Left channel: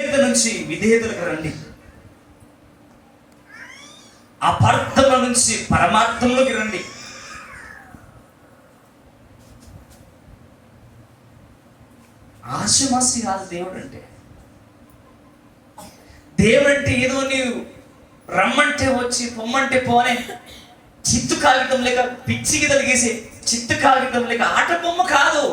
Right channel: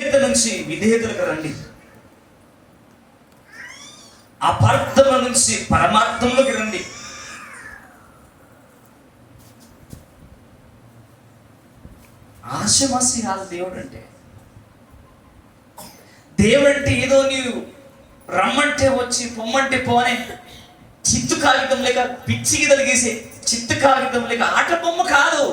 నుంచి విధేయతలకు రండి. అపార్థం నుంచి పరమార్థంలోకి రండి. ఆశమాసి కాదు దేవుడు అంటే. దేవుడు అంటే ఏదో నీవు రమ్మంటే వచ్చి పొమ్మంటే పోనే చిత్తు కాగితం లేక పిచ్చికి తలిగేసే చిత్తు కాగితం లేక ఆట బొమ్మ కాదు.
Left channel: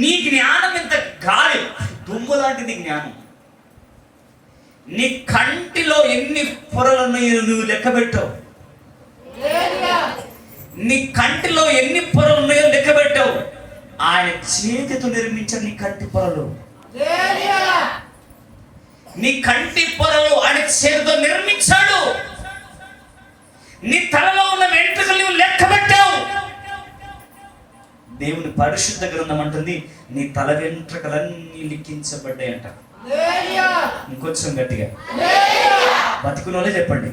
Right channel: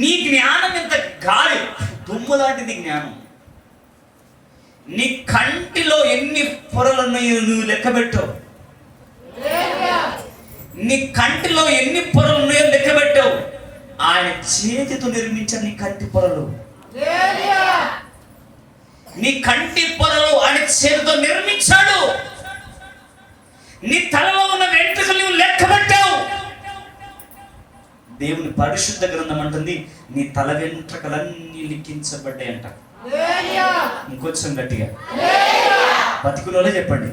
నీ జ్ఞానం ఎంత గాలి దుమ్ము లాంటిది జ్ఞానం. నీ కంటిలో ఎన్ని పొరలు ఉన్నాయో నువ్వు లెక్క పెట్టావు. నీ కంటిలో ఎన్ని పొరలు ఉన్నాయో లెక్క పెట్టావు. ఆయన చేతితో నిర్మించాడు నీ కంటి పొరలు. నీ కంటి పొరలు ఆయన చేతితో నిర్మించాడు. నీ తలలో ఉన్న వెంట్రుకలు నువ్వు లెక్క పెట్టావు. దేవుని పరిశుద్ధ గ్రంథం అంటుంది నీ తల వెంట్రుకలన్నీ లిఖించబడ్డాయి అంట. ఇంకొంచెం గట్టిగా బతికులోనే చెప్పండి.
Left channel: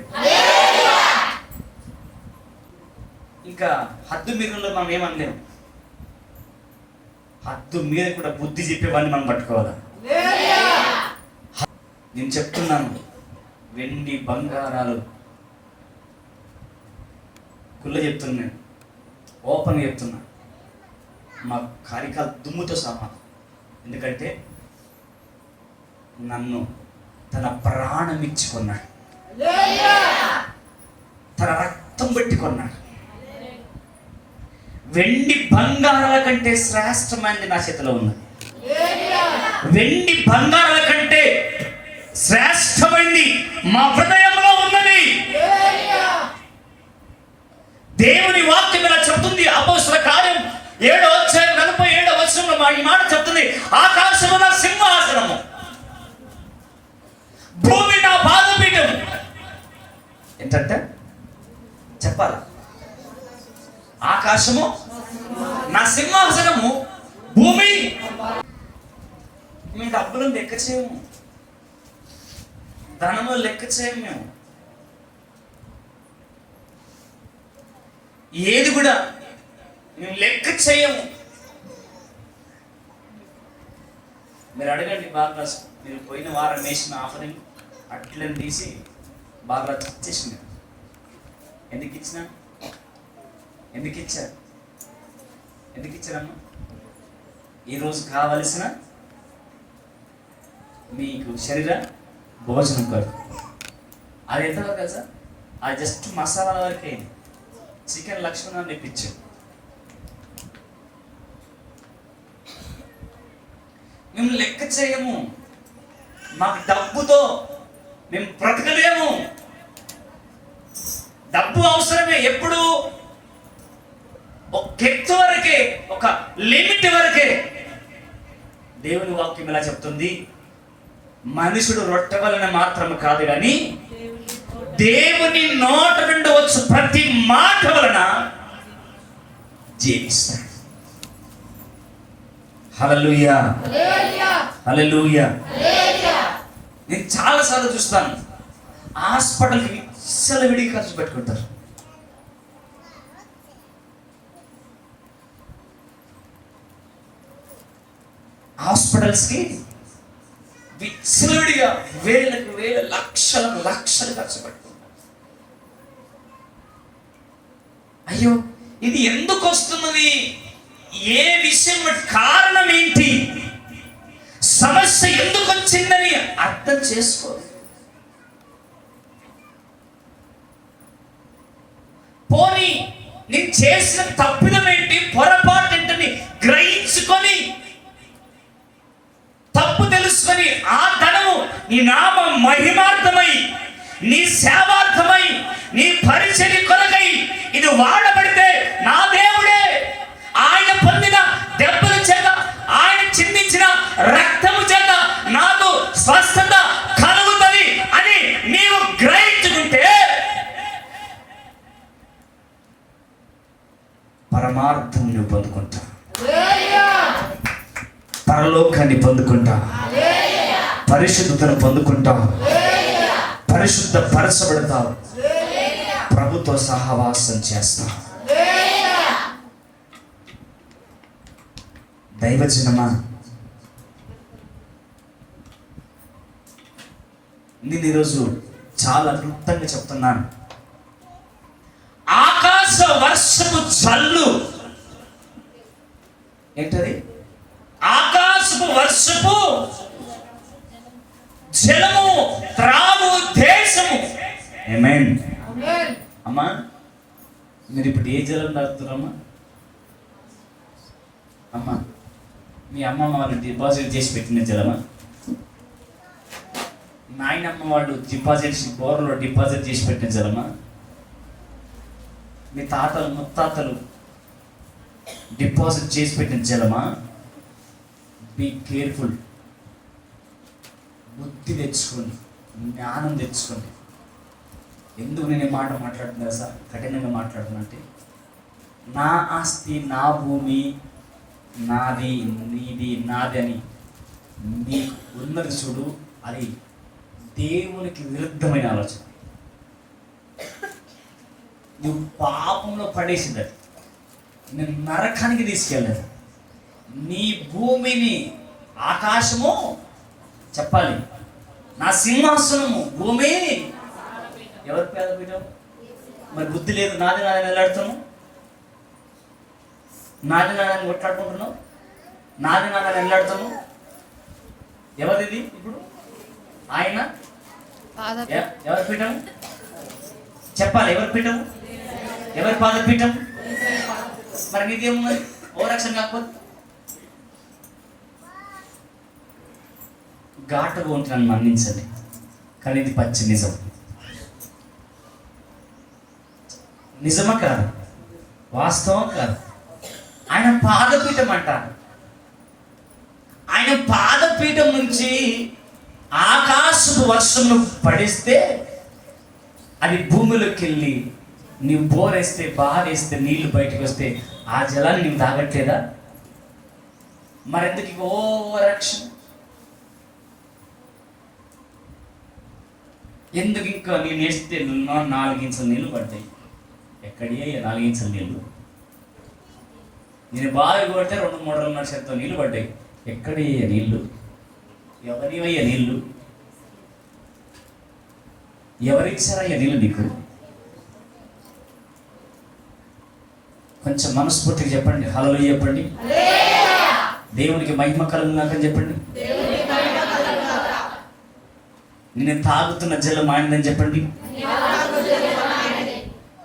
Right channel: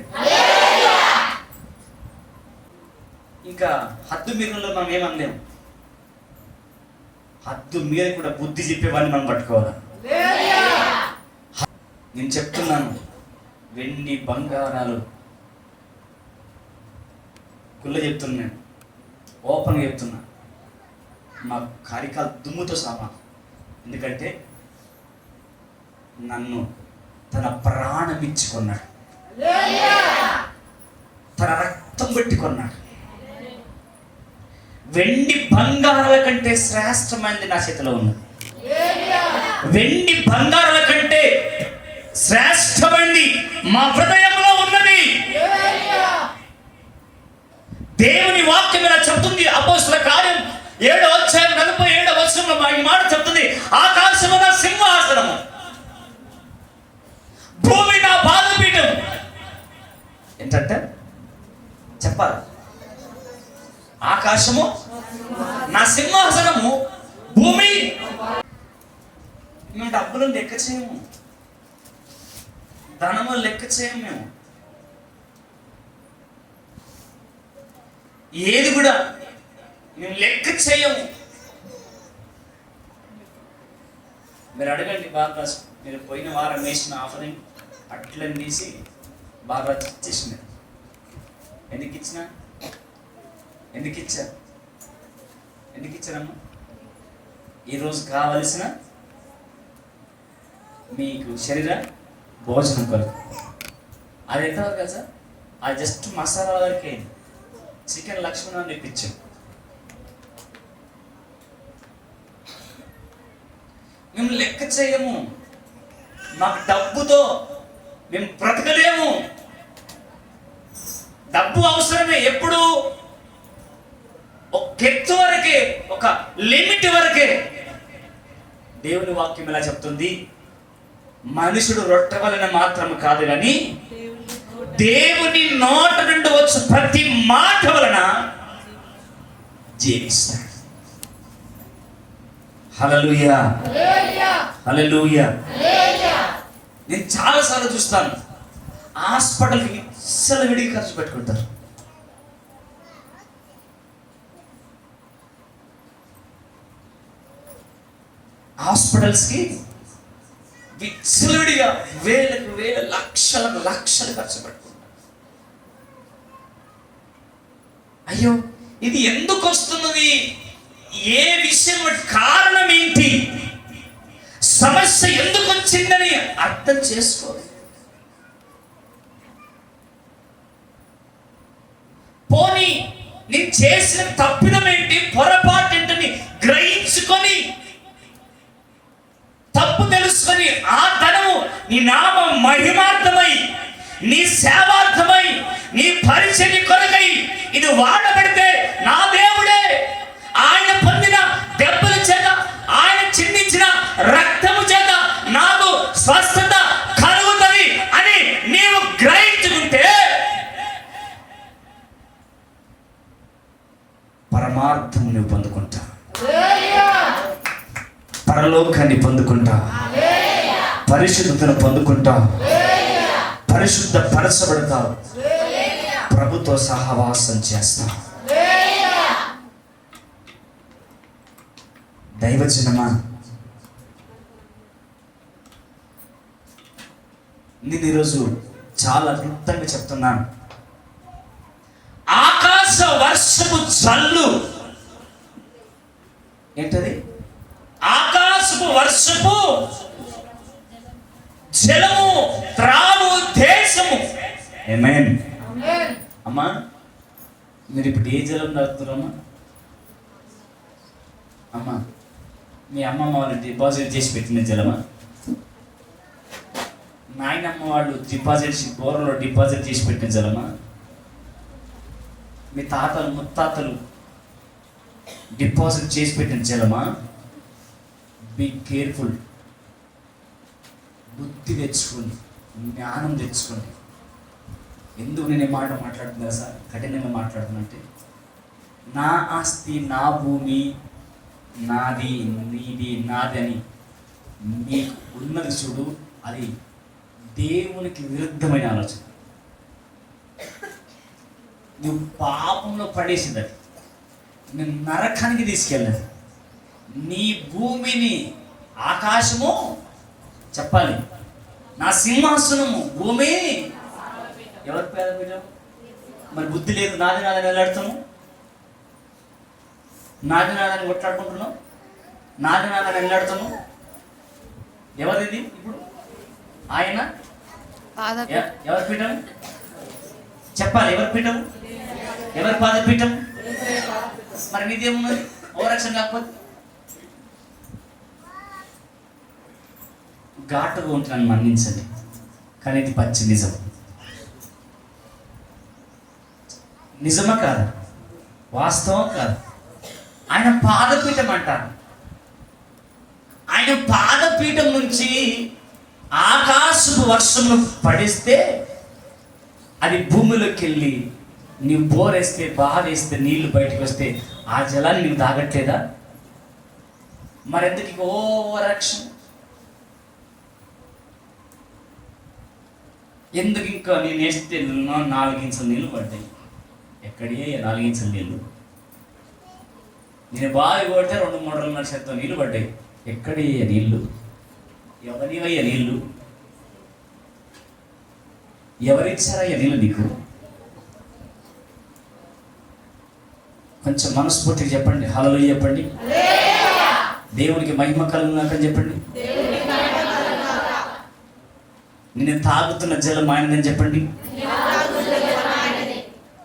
ఇంకా హద్దు మీరంలో మనం ఏమనలేము. హద్దు మీద కూడా బుద్ధి చెప్పేవాడిని మనం పట్టుకోవాలి. నేను చెప్తున్నాను, వెండి బంగారాలు కుళ్ళ చెప్తున్నాను, ఓపెన్ చెప్తున్నా, మా కార్యకాల దుమ్ముతో సమానం. ఎందుకంటే నన్ను తన ప్రాణం ఇచ్చి కొన్నాడు, తన రక్తం పెట్టి కొన్నాడు. వెండి బంగారాల కంటే శ్రేష్టమైనది నా చేతిలో ఉన్నది. వెండి బంగారాల కంటే శ్రేష్టమైనది మా హృదయంలో ఉన్నది. దేవుని వాక్యం ఇలా చెప్తుంది. అపోస్తలుల కార్యం 7వ అధ్యాయం 47వ వచనంలో ఈ మాట చెప్తుంది. ఆకాశము నా సింహాసనము, భూమి నా పాదపీఠం. ఏంటంటే చెప్పాలి, ఆకాశము నా సింహాసనము, భూమి. మేము డబ్బులను లెక్క చేయము, ధనము లెక్క చేయము. మేము ఏది కూడా మేము లెక్క చేయము. మీరు అడగండి, బాగా మీరు పోయిన వారం వేసిన ఆఫరింగ్ అట్లని తీసి బాగా ఇచ్చేసిన. ఎందుకు ఇచ్చిన? ఎందుకు ఇచ్చారు? ఎందుకు ఇచ్చారమ్మా? ఈరోజు కావలసిన మీకు శరీర భోజనం కాదు. అది ఎంతవరకు కదా సార్? అది జస్ట్ మసాలాల వరకు అయింది. చికెన్ లక్ష్మణ్ తెప్పించాం. మేము లెక్క చేయము. మాకు డబ్బుతో మేము బ్రతకలేము. డబ్బు అవసరమే. ఎప్పుడు ఒక ఎత్తు వరకే, ఒక లిమిట్ వరకే. దేవుని వాక్యం ఇలా చెప్తుంది, మనుషుడు రొట్టె వలన మాత్రం కాదు కానీ దేవుని నోట నుండి వచ్చు ప్రతి మాట వలన జీవిస్తాడు. హల్లెలూయా, హల్లెలూయా. నేను చాలాసార్లు చూస్తాను, హాస్పిటల్కి ఇచ్చల విడిగి ఖర్చు పెట్టుకుంటారు. హాస్పిటల్స్కి విచ్చలవిడిగా వేలకు వేల లక్షలకు లక్షలు ఖర్చు పెట్టుకుంటారు. అయ్యో, ఇది ఎందుకు వస్తున్నది? ఏ విషయం, కారణం ఏంటి, సమస్య ఎందుకు వచ్చిందని అర్థం చేసుకో. పోనీ నేను చేసిన తప్పిదం ఏంటి, పొరపాటు ఏంటని గ్రహించుకొని, తప్పు తెలుసుకొని ఆ ధనము నీ నామ మహిమార్థమై, నీ సేవార్థమై, నీ పరిచర్య కొరకై ఇది వాడబడితే నా దేవుడే ఆయన పొందిన దెబ్బల చేత, ఆయన చిందించిన రక్తము చేత నాకు స్వస్థత కలుగుతుంది అని నీవు గ్రహించుకుంటే పరమార్థం నువ్వు పొందుకుంటావు, పరలోకాన్ని పొందుకుంటావు, పరిశుద్ధతను పొందుకుంటావు, పరిశుద్ధ పరచబడతావు, ప్రభుతో సహవాసం చేస్తావు. దైవజనమా, నేను ఈరోజు చాలా క్లుప్తంగా చెప్తున్నాను. ఆకాశ వర్షపు జల్లు ఏంటది? ఆకాశపు వర్షపు జలము త్రాగు దేశము. ఆమేన్. అమ్మా, మీరు ఇప్పుడు ఏ జలం తాగుతున్నారమ్మా? అమ్మా, మీ అమ్మమ్మ వాళ్ళు డిపాజిట్ చేసి పెట్టిన జలమా? నాయనమ్మ వాళ్ళు బోర్లో డిపాజిట్ చేసి పెట్టిన జలమా? మీ తాతలు ముత్తాతలు డిపాజిట్ చేసి పెట్టిన జలమా? Be careful. బుద్ధి తెచ్చుకోండి, జ్ఞానం తెచ్చుకోండి. ఎందుకు నేను ఈ మాట మాట్లాడుతున్నా సార్, కఠినంగా మాట్లాడుతున్నంటే, నా ఆస్తి, నా భూమి, నాది, నీది, నాది అని నీకు ఉన్నది చూడు, అది దేవునికి విరుద్ధమైన ఆలోచన. నువ్వు పాపంలో పడేసింది, అది నేను నరకానికి తీసుకెళ్ళాను. నీ భూమిని ఆకాశము చెప్పాలి, నా సింహాసనము భూమి ఎవరి పేద పెట్టావు? మరి బుద్ధి లేదు, నాది నాదని వెళ్ళాడుతాము, నాది నాదని కొట్లాడుకుంటున్నావు, నాది నాదని వెళ్ళాడుతాము. ఎవరిది ఇప్పుడు? ఆయన ఎవరి పీఠం చెప్పాలి? ఎవరి పీఠం? ఎవరి పాదపీఠం? మరి నీదేమున్నది? ఓరక్షణ కాకపోతే ఘాటుగా ఉంటున్నాను, మన్నించండి, కానీ ఇది పచ్చి నిజం. నిజమా కాదు? వాస్తవం కాదు? ఆయన పాదపీఠం అంటారు. ఆయన పాదపీఠం నుంచి ఆకాశపు వర్షంను పడిస్తే అది భూమిలోకి వెళ్ళి నీవు బోరేస్తే, బారేస్తే నీళ్లు బయటకు వస్తే ఆ జలాన్ని నీవు తాగట్లేదా? మరెందుకు ఓవరాక్షన్? ఎందుకు ఇంకా నేను వేస్తే 4 ఇంచుల నీళ్ళు పడ్డాయి? ఎక్కడే 4 ఇంచుల నీళ్ళు? నేను బావి కొడితే 2-3 శాతం నీళ్ళు పడ్డాయి. ఎక్కడే నీళ్ళు? ఎవరివయ్యా నీళ్ళు? ఎవరిచ్చారయ్యా నీళ్ళు నీకు? కొంచెం మనస్ఫూర్తిగా చెప్పండి, హల్లెలూయా చెప్పండి. దేవునికి మహిమ కలుగునాకని చెప్పండి. నేను తాగుతున్న జలం ఆయనదని చెప్పండి.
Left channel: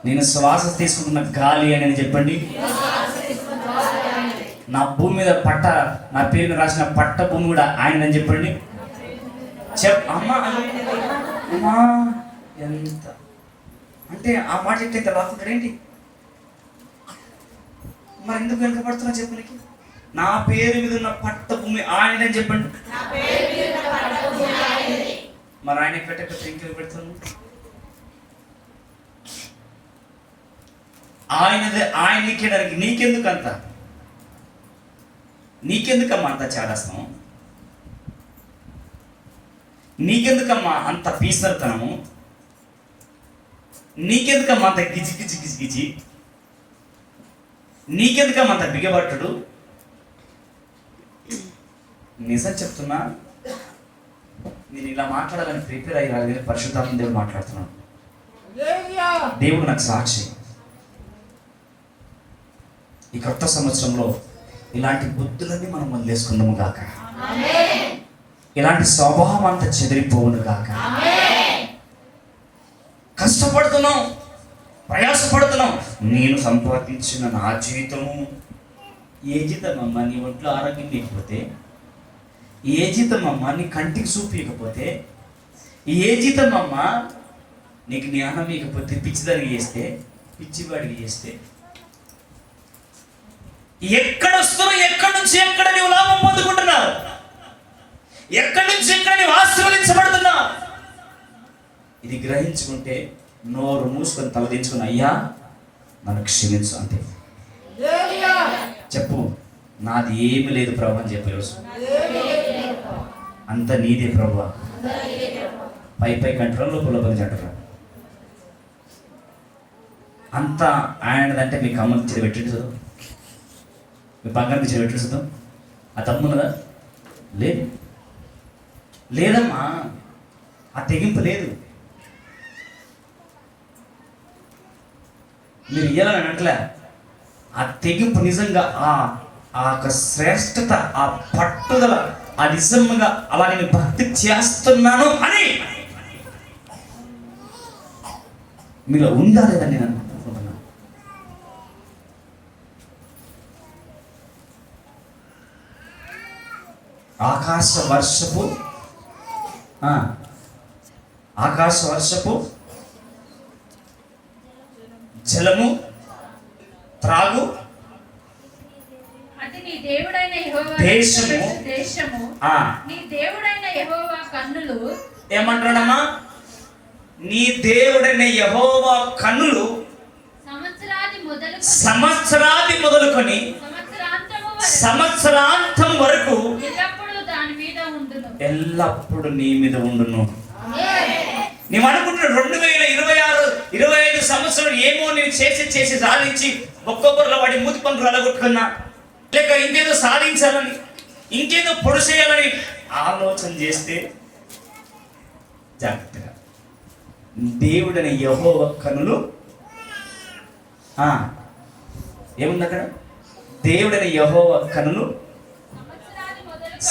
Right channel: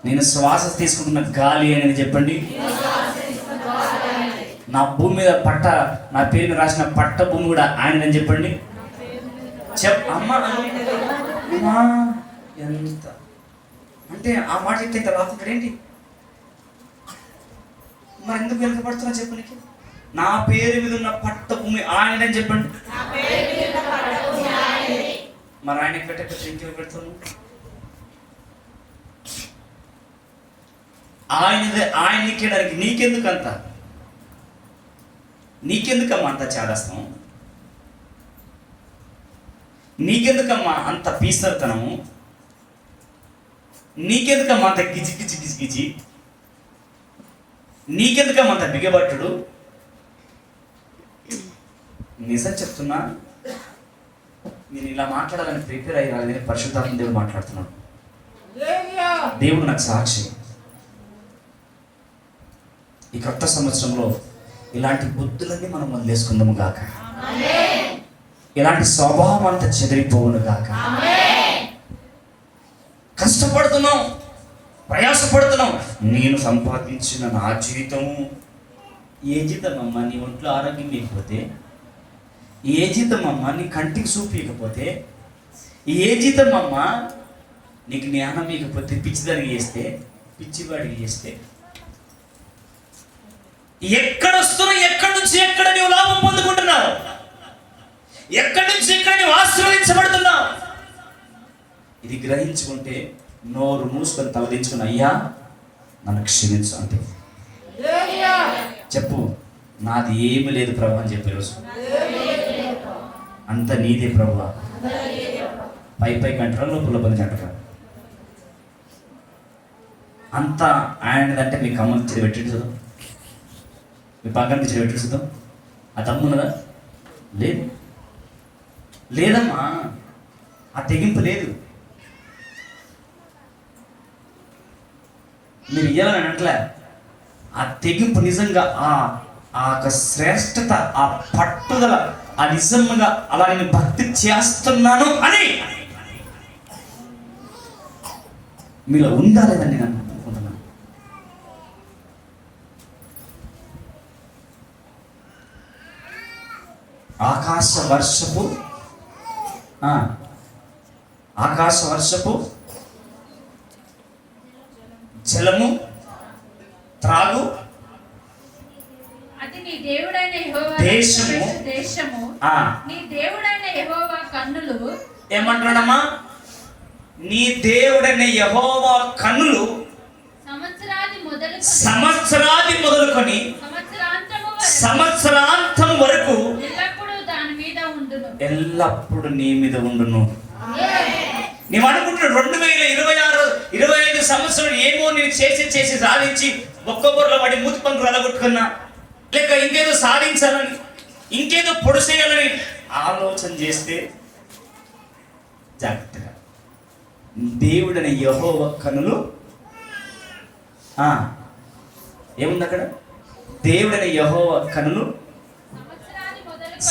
నేను శ్వాస తీసుకుంటున్న గాలి అని చెప్పండి. నా భూమి మీద నా పేరుని రాసిన పట్ట భూమి కూడా ఆయనని చెప్పండి. అమ్మా ఎంత అంటే ఆ మాట చెప్తే ఇంత బాగుంటాడు ఏంటి? మరి ఎందుకు వెనుకబడుతున్నా చెప్పడానికి? నా పేరు మీద ఉన్న పట్ట భూమి ఆయనని చెప్పండి. మరి ఆయన పెట్టకపోతే ఇంకెవరు పెడుతున్నాను? ఆయన ఇక్కడానికి నీకెందుకమ్మా అంత చేదస్తాం? నీకెందుకమ్మా అంత పీసర్తనము? నీకెందుకమ్మా అంత గిజి? నీకెందుకమ్మా అంత బిగబట్టుడు? నిజం చెప్తున్నా, నేను ఇలా మాట్లాడాలని ప్రిపేర్ అయ్యి పరిశుద్ధాత్మ దేవుడు మాట్లాడుతున్నాను. దేవుడు నాకు సాక్షి. ఈ కొత్త సంవత్సరంలో ఇలాంటి బుద్ధులన్నీ మనం వదిలేసుకుందాము గాక. ఇలాంటి స్వభావం అంతా చెదిరిపోవును గాక. కష్టపడుతున్నాం, ప్రయాసపడుతున్నాం. నేను సంపాదించిన నా జీవితము ఏ జీతం అమ్మా? నీ ఒంట్లో ఆరోగ్యం లేకపోతే, ఏ జీతం అమ్మా నీ కంటికి చూపించకపోతే, ఏ జీతం అమ్మా నీకు జ్ఞానం లేకపోతే, పిచ్చిదానికి చేస్తే, పిచ్చివాడికి చేస్తే, ఎక్కడ వస్తున్నావు? ఎక్కడి నుంచి ఎక్కడ నీవు లాభం పొందుకుంటున్నావు? ఎక్కడి నుంచి ఎక్కడ నీవు ఆశీర్వదించబడుతున్నావు? ఇది గ్రహించుకుంటే నోరు మూసుకొని తలదించుకుని, అయ్యా నన్ను క్షమించు అంటే చెప్పు. నాది ఏమి లేదు ప్రభు అని చెప్పే రోజు అంత నీదే ప్రభు. పై గంటల లోపల జంటరా అంతా ఆయనదంటే మీకు అమ్మకి పెట్టించదు, మీ పక్కన నుంచి పెట్టించదు. ఆ తమ్మున్నదా? లేదు, లేదమ్మా, ఆ తెగింపు లేదు. మీరు ఇయ్యాలని అంటలే, ఆ తెగింపు నిజంగా ఆ యొక్క శ్రేష్టత, ఆ పట్టుదల, ఆ నిజంగా అలా నేను భక్తి చేస్తున్నాను అని మీలో ఉండాలేదని నేను అనుకుంటున్నాను. ఆకాశ వర్షపు జలము త్రాగు దేశము. నీ దేవుడైన యెహోవా కన్నులు ఏమంటాడమ్మా? నీ దేవుడైన యెహోవా కన్నులు సంవత్సరాది మొదలుకొని సంవత్సరాంతం వరకు ఎల్లప్పుడు నీ మీద ఉండును. నీవు అనుకుంటున్నావు 2026-25 సంవత్సరం ఏమో నేను చేసి సాధించి ఒక్కొక్కరిలో వాడి మూతి పంకులు అలగొట్టుకున్నా, లేక ఇంకేదో సాధించాలని, ఇంకేదో పొడిసేయాలని ఆలోచన చేస్తే జాగ్రత్తగా. దేవుడైన యెహోవా కన్నులు ఏముంది అక్కడ? దేవుడైన యెహోవా కన్నులు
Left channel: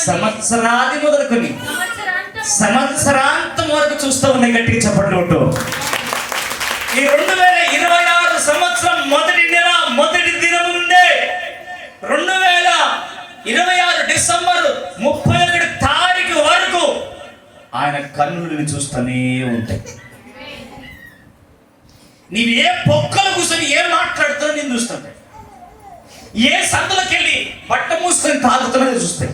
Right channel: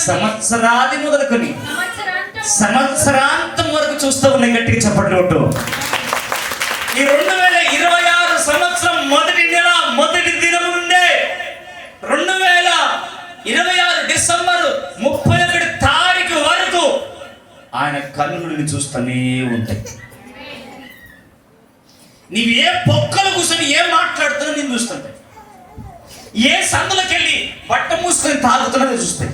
సంవత్సరాది మొదలుకొని సంవత్సరాంతం వరకు చూస్తూ ఉన్నాయి. గట్టిగా చప్పట్లు కొట్టు. ఈ 2026 సంవత్సరం మొదటి నెల మొదటి దినం నుండే 2026 డిసెంబర్ 31 తారీఖు వరకు ఆయన కన్నులను చూస్తూనే ఉంటాయి. నీవు ఏ పొక్కలు కూర్చొని ఏం మాట్లాడుతున్నావు నేను చూస్తుంటాయి. ఏ సందులోకి వెళ్ళి బట్ట మూసుకొని తాగుతున్నది చూస్తాయి.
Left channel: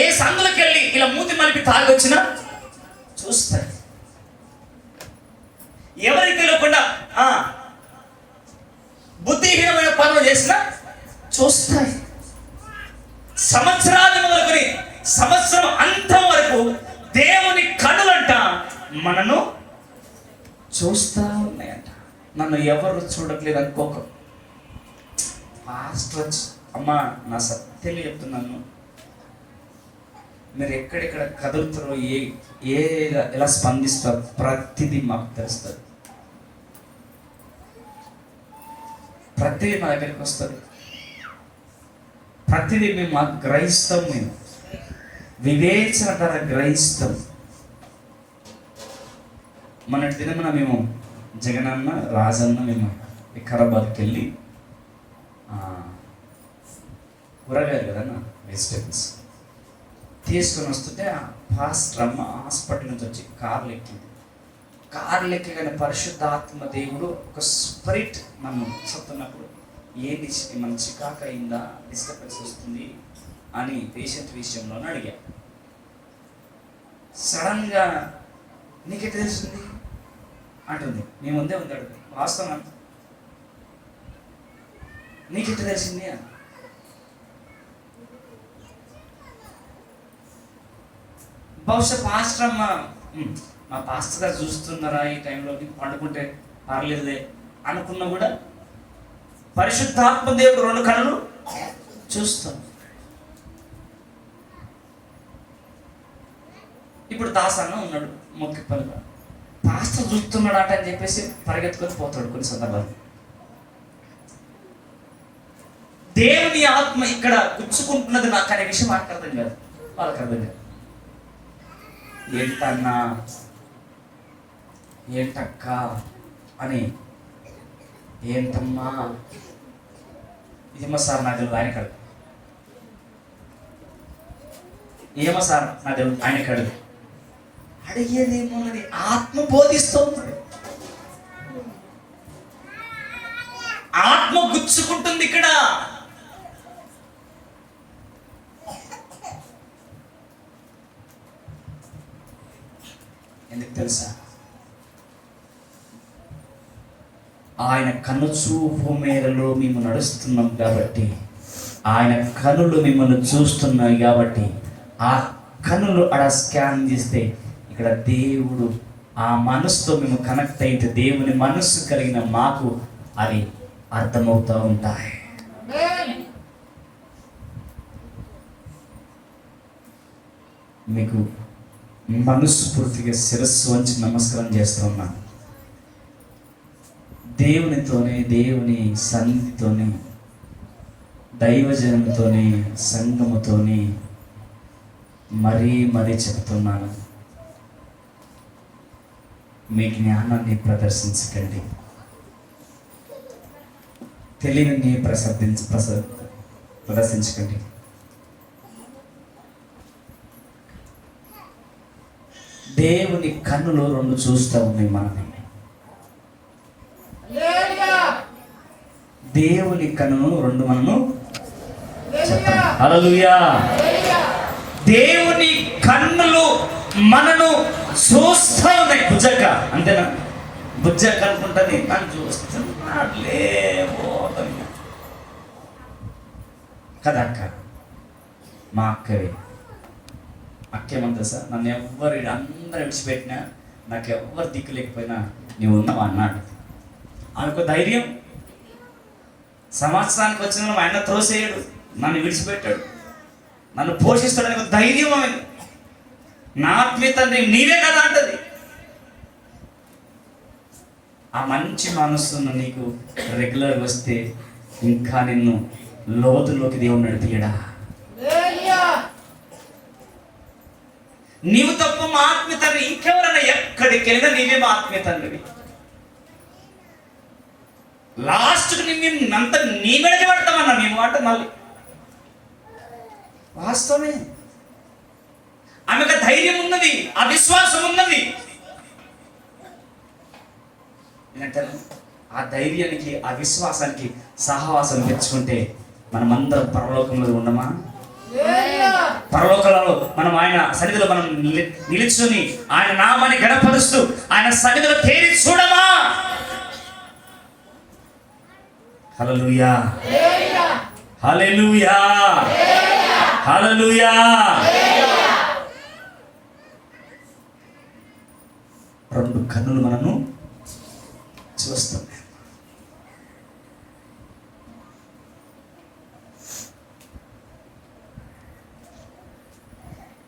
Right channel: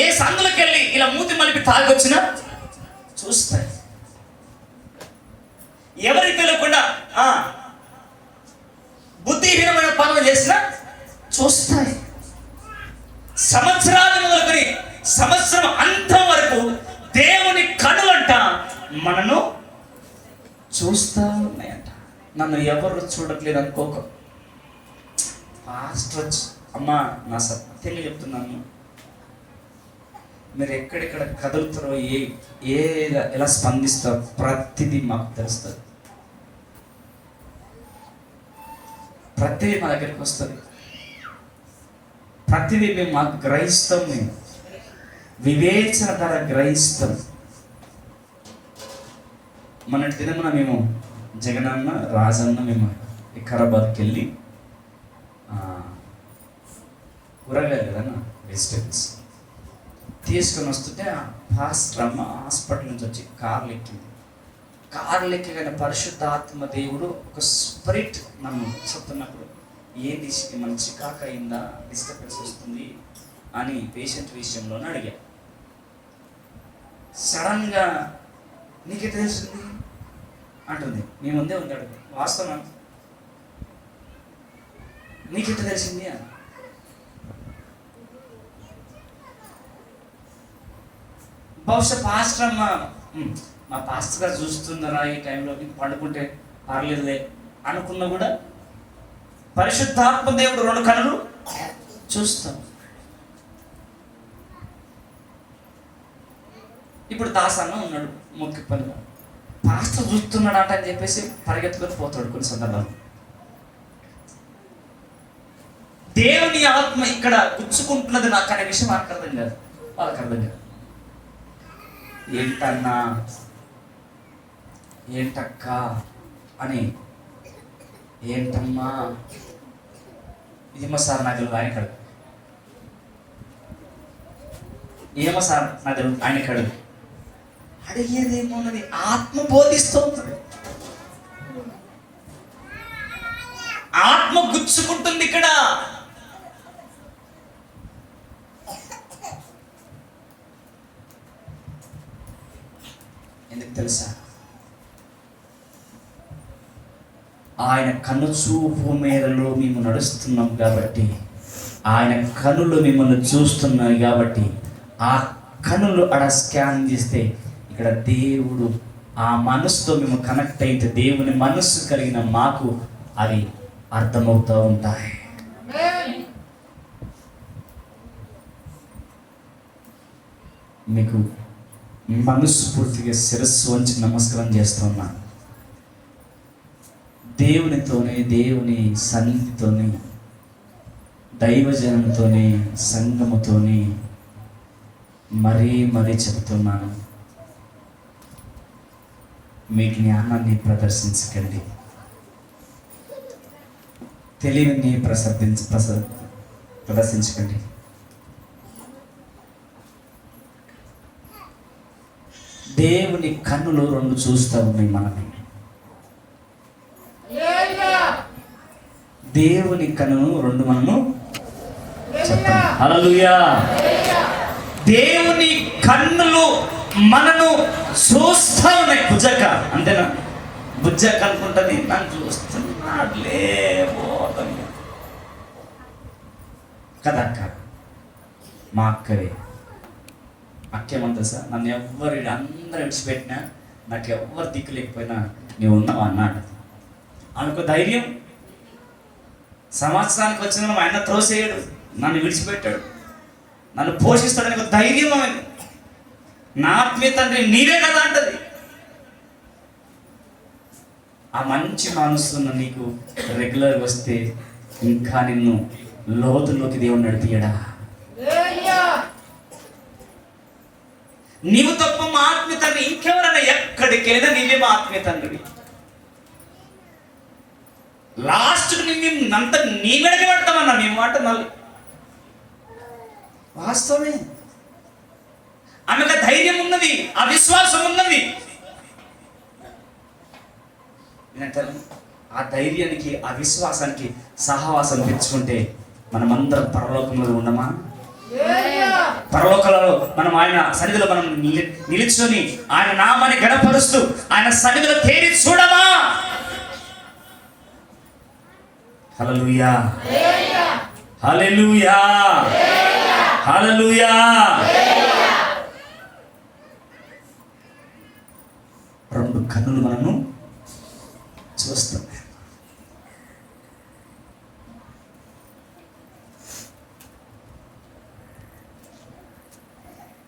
ఏ సందులోకి వెళ్ళి ఇలా మూతి మలిపి తాగొచ్చినా చూస్తాయి. ఎవరికి తెలియకుండా బుద్ధిహీనమైన పనులు చేసినా చూస్తాయి. సంవత్సరాలు మొదలుకొని సంవత్సరం అంతం వరకు దేవుని కన్నులంట మనను చూస్తా ఉన్నాయంట. నన్ను ఎవరు చూడట్లేదు అనుకోక పాస్టర్ వచ్చి, అమ్మా నా సత్యంగా చెప్తున్నాను, మీరు ఎక్కడెక్కడ కదులుతారో ఎలా స్పందిస్తారో ప్రతిదీ మాకు తెలుస్తుంది. ప్రతిదీ మా దగ్గరికి వస్తుంది. ప్రతిదీ మేము మాకు గ్రహిస్తాం. మేము వివేచన ధర గ్రహిస్తాం. మన దినమున మేము జగనన్న రాజన్న మేము వికారాబాద్కి వెళ్ళి కూరగాయలు కదన్న వెజిటేబుల్స్ తీసుకొని వస్తుంటే ఆ పాస్టర్ అమ్మ హాస్పిటల్ నుంచి వచ్చి కార్లు ఎక్కింది. కార్లు ఎక్కగానే పరిశుద్ధాత్మ దేవుడు ఒక స్పిరిట్ నన్ను చెప్తున్నప్పుడు ఏది మన చికాకు అయిందా, డిస్టర్బెన్స్ వస్తుంది అని పేషెంట్ విషయంలోనే అడిగా. సడన్గా నీకే తెలిసింది అంటుంది. నీ ముందే ఉంది అడుగు, వాస్తవం నీకెట్లా తెలిసింది అని. బహుశా పాస్టర్ అమ్మ మా పాస్టర్ గారు చూస్తున్నారా ఈ టైంలో పండుకుంటే పర్లేదులే అనుకున్నా కూడా పరిశుద్ధాత్మ దేవుడు 2 కన్నులు చూస్తాం. ఇప్పుడు దాసన్న ఉన్నాడు మొక్కి పనిగా, పాస్టర్ చూస్తున్నాడు అంట అని చెప్పేసి పరిగెత్తుకొని పోతాడు కొన్ని సందర్భాలు. దేవుని ఆత్మ ఇక్కడ గుచ్చుకుంటున్నది నాకు అనే విషయం నాకు అర్థం కాదు, వాళ్ళకి అర్థం కాదు. ఏంటన్నా ఏంటక్క అని, ఏంటమ్మా ఇదేమో సార్ నాకు తెలియదు ఆయన కడుగు, ఏమో సార్ నాకు తెలియదు ఆయన కడుగు, అడిగేదేమో అని ఆత్మ బోధిస్తుంది. ఆత్మ గుచ్చుకుంటుంది ఇక్కడ. ఎందుకు తెలుసా? ఆయన కన్ను చూపు మేరలో మేము నడుస్తున్నాం కాబట్టి, ఆయన కన్నులు మిమ్మల్ని చూస్తున్నాయి కాబట్టి, ఆ కన్నులు అక్కడ స్కాన్ చేస్తే ఇక్కడ దేవుడు ఆ మనసుతో మేము కనెక్ట్ అయితే దేవుని మనస్సు కలిగిన మాకు అది అర్థమవుతూ ఉంటాయి. మీకు మనస్ఫూర్తిగా శిరస్సు వంచి నమస్కారం చేస్తున్నా. దేవునితోనే, దేవుని సన్నిధితోనే, దైవజనంతోనే, సంఘముతోనే మరీ చెబుతున్నాను, మీ జ్ఞానాన్ని ప్రదర్శించకండి, తెలివిని ప్రదర్శించకండి. దేవుని కన్నులు రెండు చూస్తూ ఉన్నాయి మనల్ని. దేవుని కన్నులు రెండు మనము చెప్పండి హల్లెలూయా. దేవుని కన్నులు మనను చూస్తా ఉన్నాయి. బుజ్జక్క అంతేనా? బుజ్జక్క అనుకుంటుంది నన్ను చూస్తున్నాడులే కదక్క. మా అక్కవి అక్కేమంతా సార్, నన్ను ఎవ్వరు అందరూ విడిచిపెట్టినా, నాకు ఎవ్వరు దిక్కు లేకపోయినా నీవు ఉన్నావు అన్నాడు. ఆమెకు ధైర్యం. సంవత్సరానికి వచ్చిన మా ఆయన త్రోసేయడు, నన్ను విడిచిపెట్టాడు, నన్ను పోషిస్తాడని ఒక ధైర్యం ఆమె. నా ఆత్మీయ తండ్రి నీవే కదా అంటది. ఆ మంచి మనస్సును నీకు రెగ్యులర్ వస్తే ఇంకా నిన్ను లోతుల్లోకి దేవుడు నడిపియడా. నీవు తప్ప మా ఆత్మీయ తండ్రి ఇంకెవరైనా ఎక్కడికి వెళ్ళినా నీవే మా ఆత్మీయ తండ్రి. లాస్ట్కు నిన్నంత నీ మెడకి పెడతామన్నా నీ మాట మళ్ళీ వాస్తవమే. ఆమెకు ధైర్యం ఉన్నది, ఆ విశ్వాసం ఉన్నది. ఆ ధైర్యానికి, ఆ విశ్వాసానికి సహవాసం పెంచుకుంటే మనమందరం పరలోకంలో ఉన్నామా? పరలోకంలో మనం ఆయన సన్నిధిలో మనం నిలుచుని ఆయన నామాన్ని గణపరుస్తూ ఆయన సన్నిధిలో తేరి చూడమా? హల్లెలూయా, హల్లెలూయా, హల్లెలూయా. రెండు కన్నులు మనము చూస్తాం.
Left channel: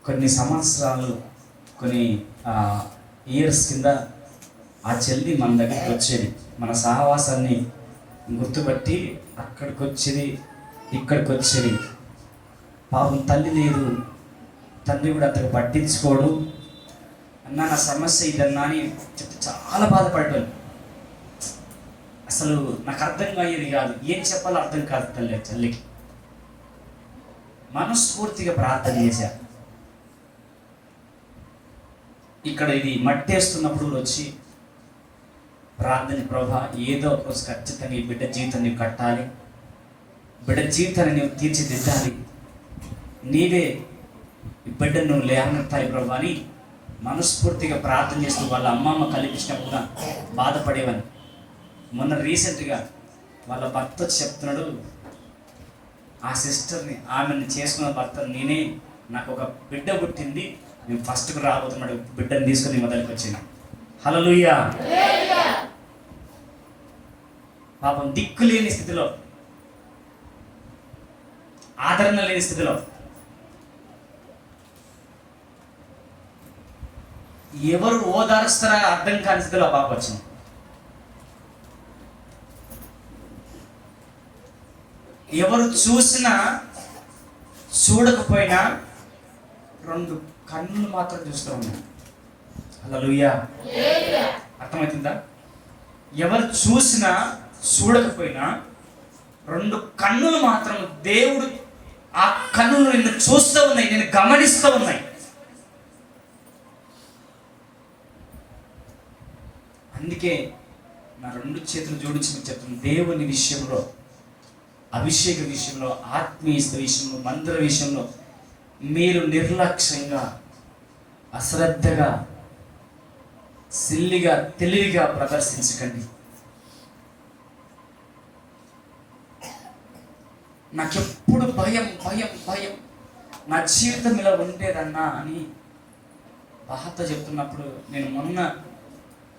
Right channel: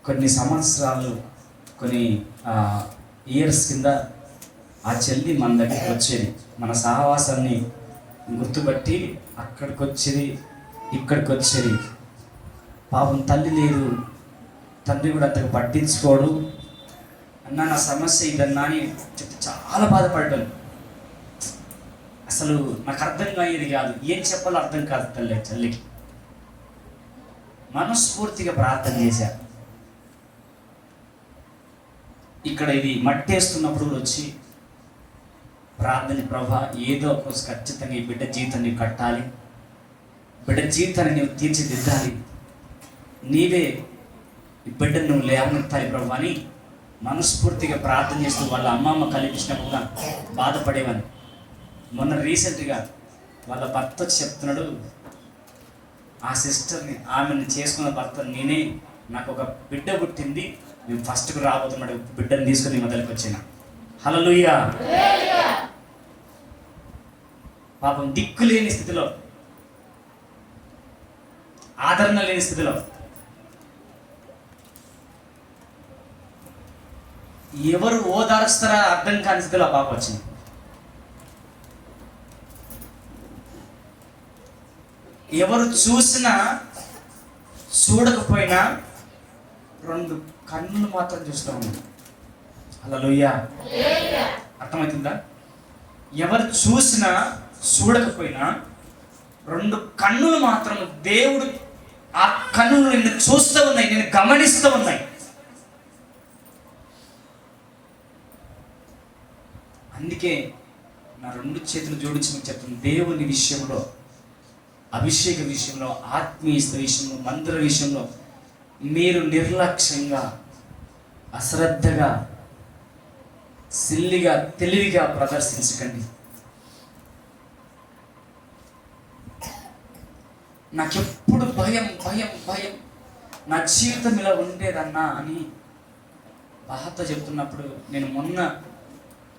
కొన్ని సంవత్సరాలు, కొన్ని ఇయర్స్ కింద ఆ చెల్లి మన దగ్గరికి వచ్చేది, మన సహవాసాన్ని గుర్తుపట్టి అక్కడికి వచ్చేది, ఇక్కడికి వచ్చేది. పాపం తల్లి లేదు, తండ్రి కూడా అంతగా పట్టించుకోడు. అన్నా నా సమస్య ఇదన్నా అని చెప్పి చాలా బాధపడ్డాను. అసలు నాకు అర్థం కాయేది కాదు, ఏం చెప్పాలో అర్థం కాదు. తల్లికి మనస్ఫూర్తిగా ప్రార్థన చేశాను. ఇక్కడ ఇది మట్టేస్తున్నప్పుడు వచ్చి ప్రార్థన, ప్రభా ఏదో ఒక ఖచ్చితంగా ఈ బిడ్డ జీవితాన్ని కట్టాలి, బిడ్డ జీవితాన్ని నువ్వు తీర్చిదిద్దాలి, నీవే ఈ బిడ్డను నువ్వు లేవనెత్తాలి ప్రభా అని మనస్ఫూర్తిగా ప్రార్థన చేస్తూ వాళ్ళ అమ్మమ్మ కలిపించినప్పుడు కూడా బాధపడేవాని. మొన్న రీసెంట్గా వాళ్ళ భర్త చెప్తున్నాడు, ఆ సిస్టర్ని, ఆమెను చేసుకున్న భర్త నేనే, నాకు ఒక బిడ్డ పుట్టింది, మేము ఫస్ట్కు రాబోతున్నాడు, బిడ్డను తీసుకుని మొదలుకి వచ్చిన. హల్లెలూయా. పాపం దిక్కు లేని స్థితిలో, ఆదరణ లేని స్థితిలో, ఎవరు ఓదారుస్తారా అర్థం కాని స్థితిలో పాప వచ్చింది. ఎవరు చూసినా చూడకపోయినా రెండు కన్నులు మాత్రం చూస్తూ ఉన్నాయి. హల్లెలూయా. అర్థమవుతుందా? ఎవరు చూసినా చూడకపోయినా రెండు కన్నులు మాత్రం దేవుడు, ఆ కన్నులు నిన్ను చూస్తూ ఉన్నాయి, నేను గమనిస్తూ ఉన్నాయి. అందుకే నా రెండు చేతులు జోడించి మీకు చెప్తాను, దేవుని విషయంలో, అభిషేక విషయంలో, ఆత్మీయ విషయంలో, మందిర విషయంలో మీరు నిర్లక్ష్యంగా, అశ్రద్ధగా, సిల్లిగా, తెలివిగా ప్రదర్శించకండి. నాకెప్పుడు భయం భయం భయం, నా జీవితం ఇలా ఉండేదన్నా అని బాధతో చెప్తున్నప్పుడు నేను మొన్న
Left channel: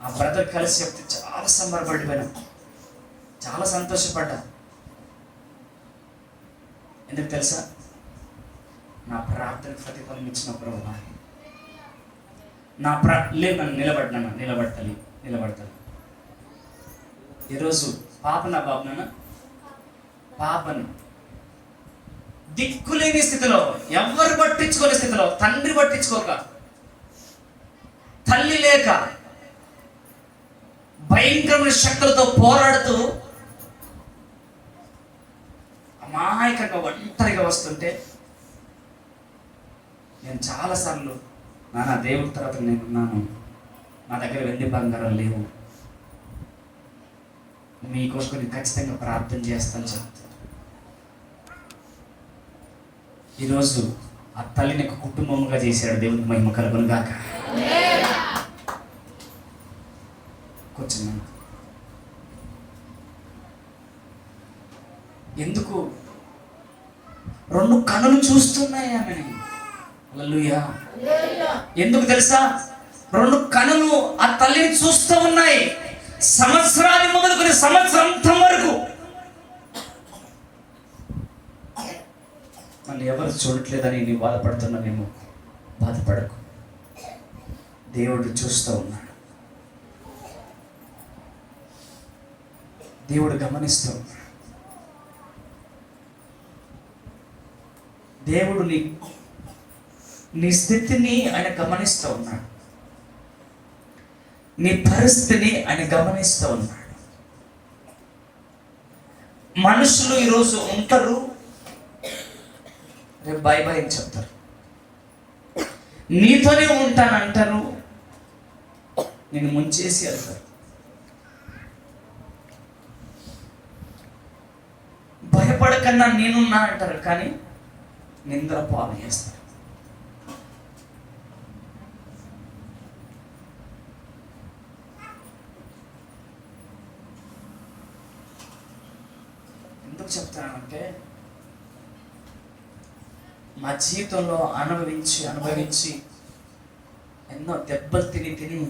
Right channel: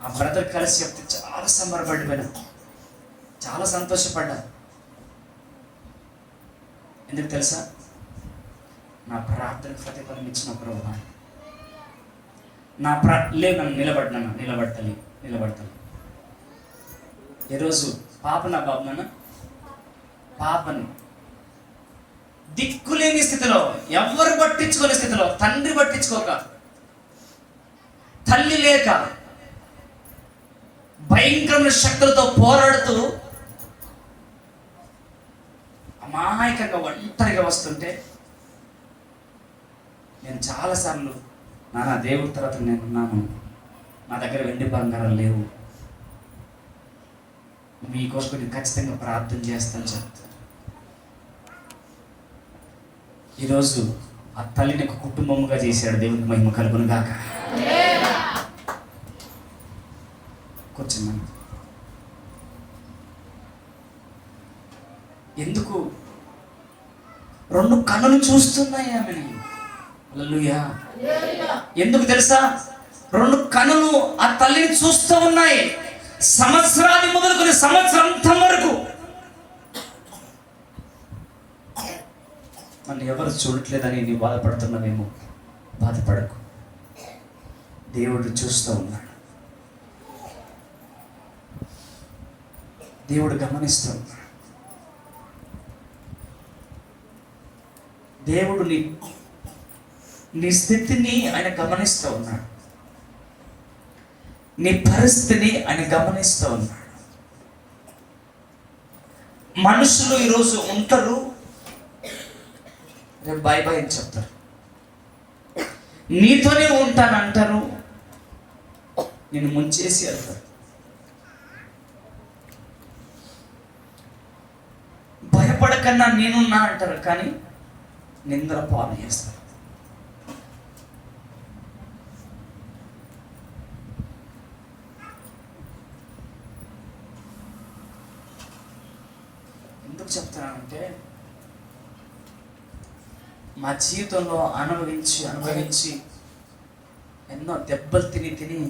ఆ బ్రదర్ కలిసి చెప్తే చాలా సంబరపడిపోయినా, చాలా సంతోషపడ్డా. ఎందుకు తెలుసా? నా ప్రార్థన ప్రతిఫలం ఇచ్చిన ప్రభువా, లేదు నన్ను నిలబడతాను. ఈరోజు పాప నా బాబు నాన్న పాపని దిక్కులేని స్థితిలో, ఎవరు పట్టించుకోని స్థితిలో, తండ్రి పట్టించుకోక, తల్లి లేక, భయంకరమైన శక్తులతో పోరాడుతూ అమాయకంగా ఒంటరిగా వస్తుంటే నేను చాలాసార్లు నాన్న దేవుడి తర్వాత నేనున్నాను, నా దగ్గర వెండి బంగారాలు లేవు, మీకోసం నేను ఖచ్చితంగా ప్రార్థన చేస్తాను చెప్తాను. ఈరోజు ఆ తల్లిని ఒక కుటుంబముగా చేశాడు. దేవునికి మహిమ కలుగును గాక. కూర్చున్నాను. ఎందుకు 2 కన్నులు చూస్తున్నాయి ఆమెని. హల్లెలూయా. ఎందుకు తెలుసా? 2 కన్నులు ఆ తల్లిని చూస్తూ ఉన్నాయి. సంవత్సరాది మొదలుకొని సంవత్సరాంతం వరకు నన్ను ఎవరు చూడట్లేదని నీ బాధపడుతున్నానేమో. బాధపడకు, దేవుడు చూస్తూ ఉన్నాడు. దేవుడు గమనిస్తూ ఉన్నాడు. దేవుడు నీ స్థితిని ఆయన గమనిస్తూ ఉన్నాడు. నీ పరిస్థితిని ఆయన గమనిస్తూ ఉన్నాడు. మనుషులు ఈరోజు ఉంటారు, రేపు బాయ్ బాయ్ అని చెప్తారు, నీతోనే ఉంటానంటారు, నేను ముంచేసి వెళ్తారు. భయపడకన్నా నేనున్నా అంటారు, కానీ నిందల పాలు చేస్తారు. ఎందుకు చెప్తానంటే మా జీవితంలో అనుభవించి ఎన్నో దెబ్బలు తిని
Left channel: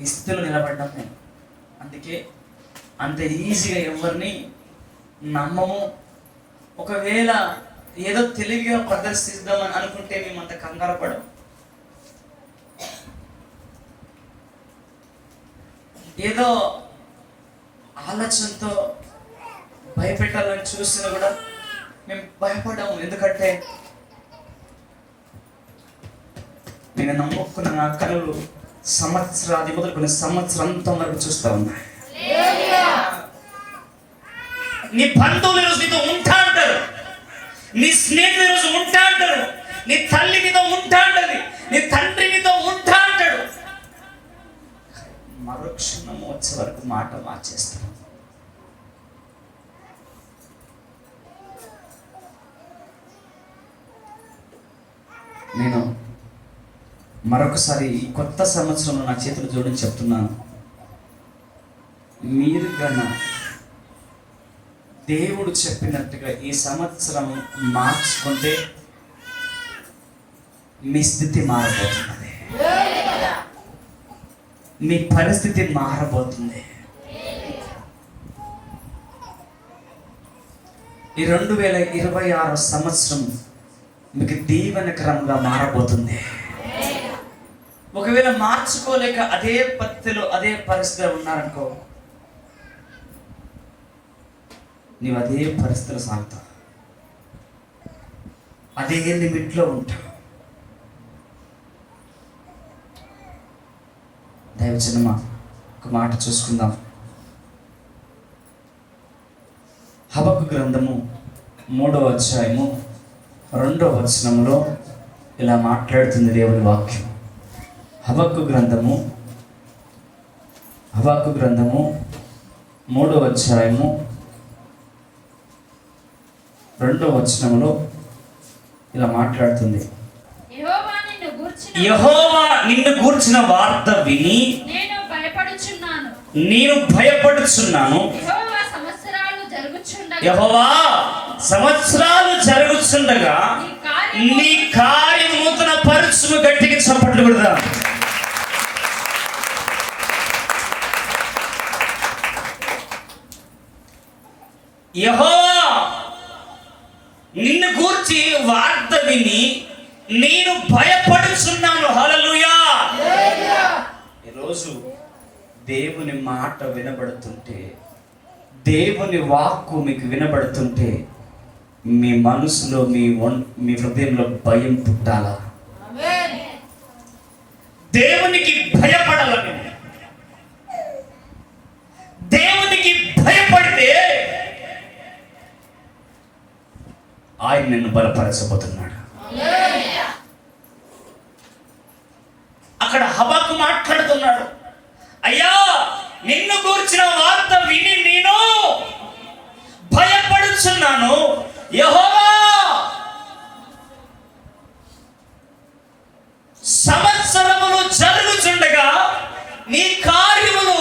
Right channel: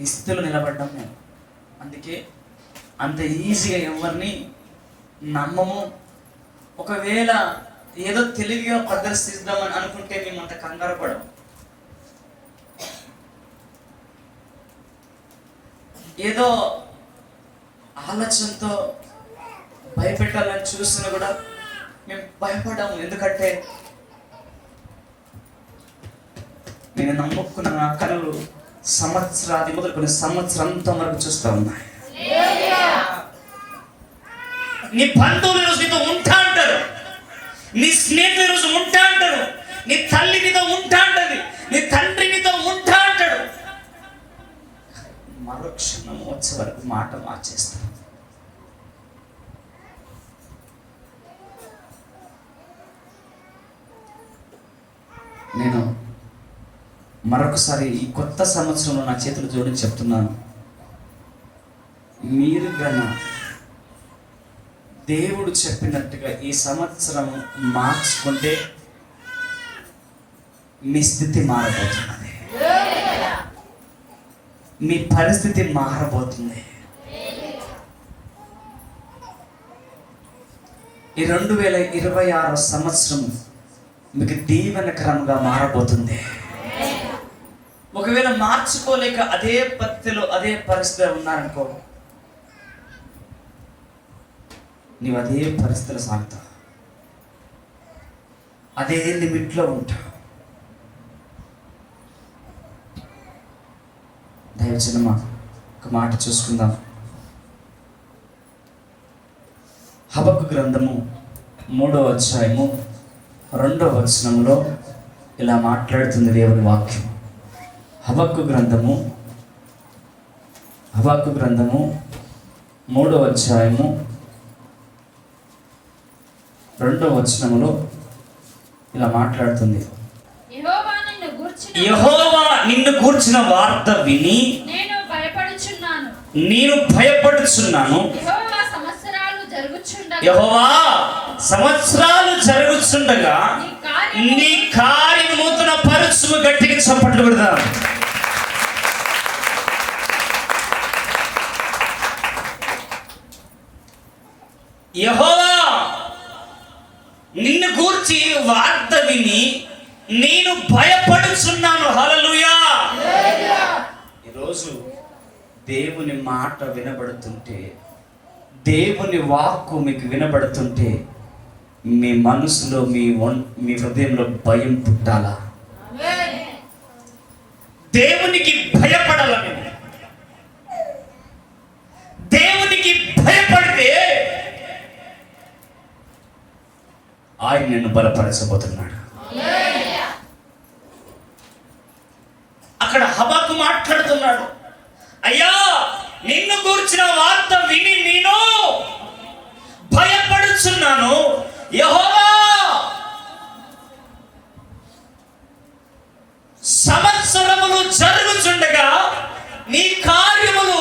ఈ స్థితిలో నిలబడ్డాం మేము. అందుకే అంత ఈజీగా ఎవరిని నమ్మము. ఒకవేళ ఏదో తెలివిగా ప్రదర్శిద్దామని అనుకుంటే మేము అంత కంగారు పడం. ఏదో ఆలోచనతో భయపెట్టాలని చూసినా కూడా మేము భయపడ్డాము. ఎందుకంటే నేను నమ్ముకున్న నా కనులు సంవత్సరాది మొదలుకొని సంవత్సరంతం వరకు చూస్తూ ఉన్నాయి. నీ బంధువులు ఈరోజు నీతో ఉంటా అంటారు, నీ స్నేహితులు ఈరోజు ఉంటా అంటారు, నీ తల్లి నీతో ఉంటా అంటది, నీ తండ్రి నీతో ఉంటా అంటాడు. మరుక్షణం వచ్చే వరకు మాట మార్చేస్తాను. నేను మరొకసారి ఈ కొత్త సంవత్సరంలో నా చేతులు జోడించి చెప్తున్నాను, మీరు కన్నా దేవుడు చెప్పినట్టుగా ఈ సంవత్సరం మార్చుకుంటే మీ స్థితి మారబోతున్నది, మీ పరిస్థితి మారబోతుంది. ఈ 2026 సంవత్సరం మీకు దీవెనకరంగా మారబోతుంది. ఒకవేళ మార్చుకోలేక అదే పద్ధతిలో అదే పరిస్థితిలో ఉన్నారనుకో, నీవు అదే పరిస్థితిలో సాగుతావు, అదే లిమిట్లో ఉంటావు. దయవచనమా ఒక మాట చూసుకుందాం. హబక్కు గ్రంథము 3వ అధ్యాయము 2వ వచనంలో ఇలా మాట్లాడుతుంది దేవుని వాక్యం. హబక్కు గ్రంథము 3వ అధ్యాయము 2వ వచనంలో ఇలా మాట్లాడుతుంది. యెహోవా నిన్ను గూర్చిన వార్త విని నేను భయపడుచున్నాను. యెహోవా సంవత్సరాలు జరుగుచుండగా నీ కార్యము నూతన పరుచును. గట్టిగా చప్పట్లు కొడదాం. యెహోవా నిన్ను గూర్చి వార్త విని నేను భయపడుచున్నాను. హల్లెలూయా. దేవుని మాట వినబడుతుంటే, దేవుని వాక్కు మీకు వినబడుతుంటే మీ మనసులో మీ హృదయంలో భయం పుట్టాలా? దేవునికి భయపడాలని. దేవునికి భయపడితే ఆయన నిన్ను బలపరచబోతున్నాడు. అక్కడ హబక్కు మాట్లాడుతున్నాడు, అయ్యా నిన్ను గూర్చిన వార్త విని నేను భయపడుచున్నాను. యెహోవా, సంవత్సరములు జరుగుచుండగా నీ కార్యములు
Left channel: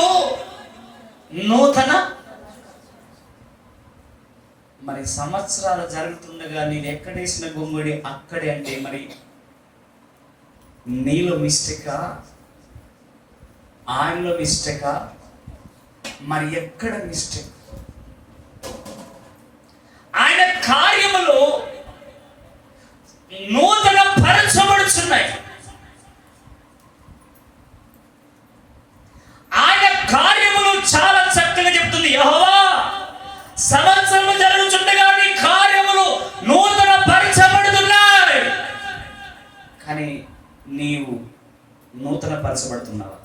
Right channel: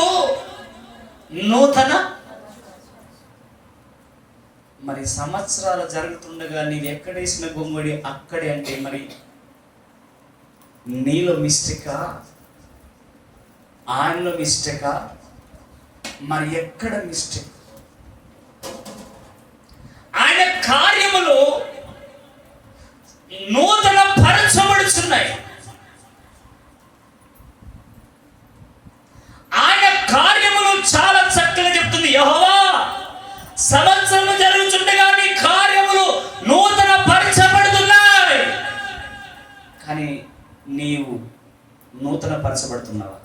నూతన. మరి సంవత్సరాలు జరుగుతుండగా నీవు ఎక్కడేసిన గొంగుడి అక్కడే అంటే మరి నీలో మిస్టేకా, ఆయనలో మిస్టేకా, మరి ఎక్కడ మిస్టేక్? ఆయన కార్యములు నూతన పరచబడుచున్నాయి. ఆయన కార్యములు చాలా చక్కగా చెప్తుంది. యెహోవా, సంవత్సరం జరుగుతుండగా నీ కార్యములు నూతన పరచబడుతున్నాయి. కానీ నీవు నూతన పరచబడుతున్నావా?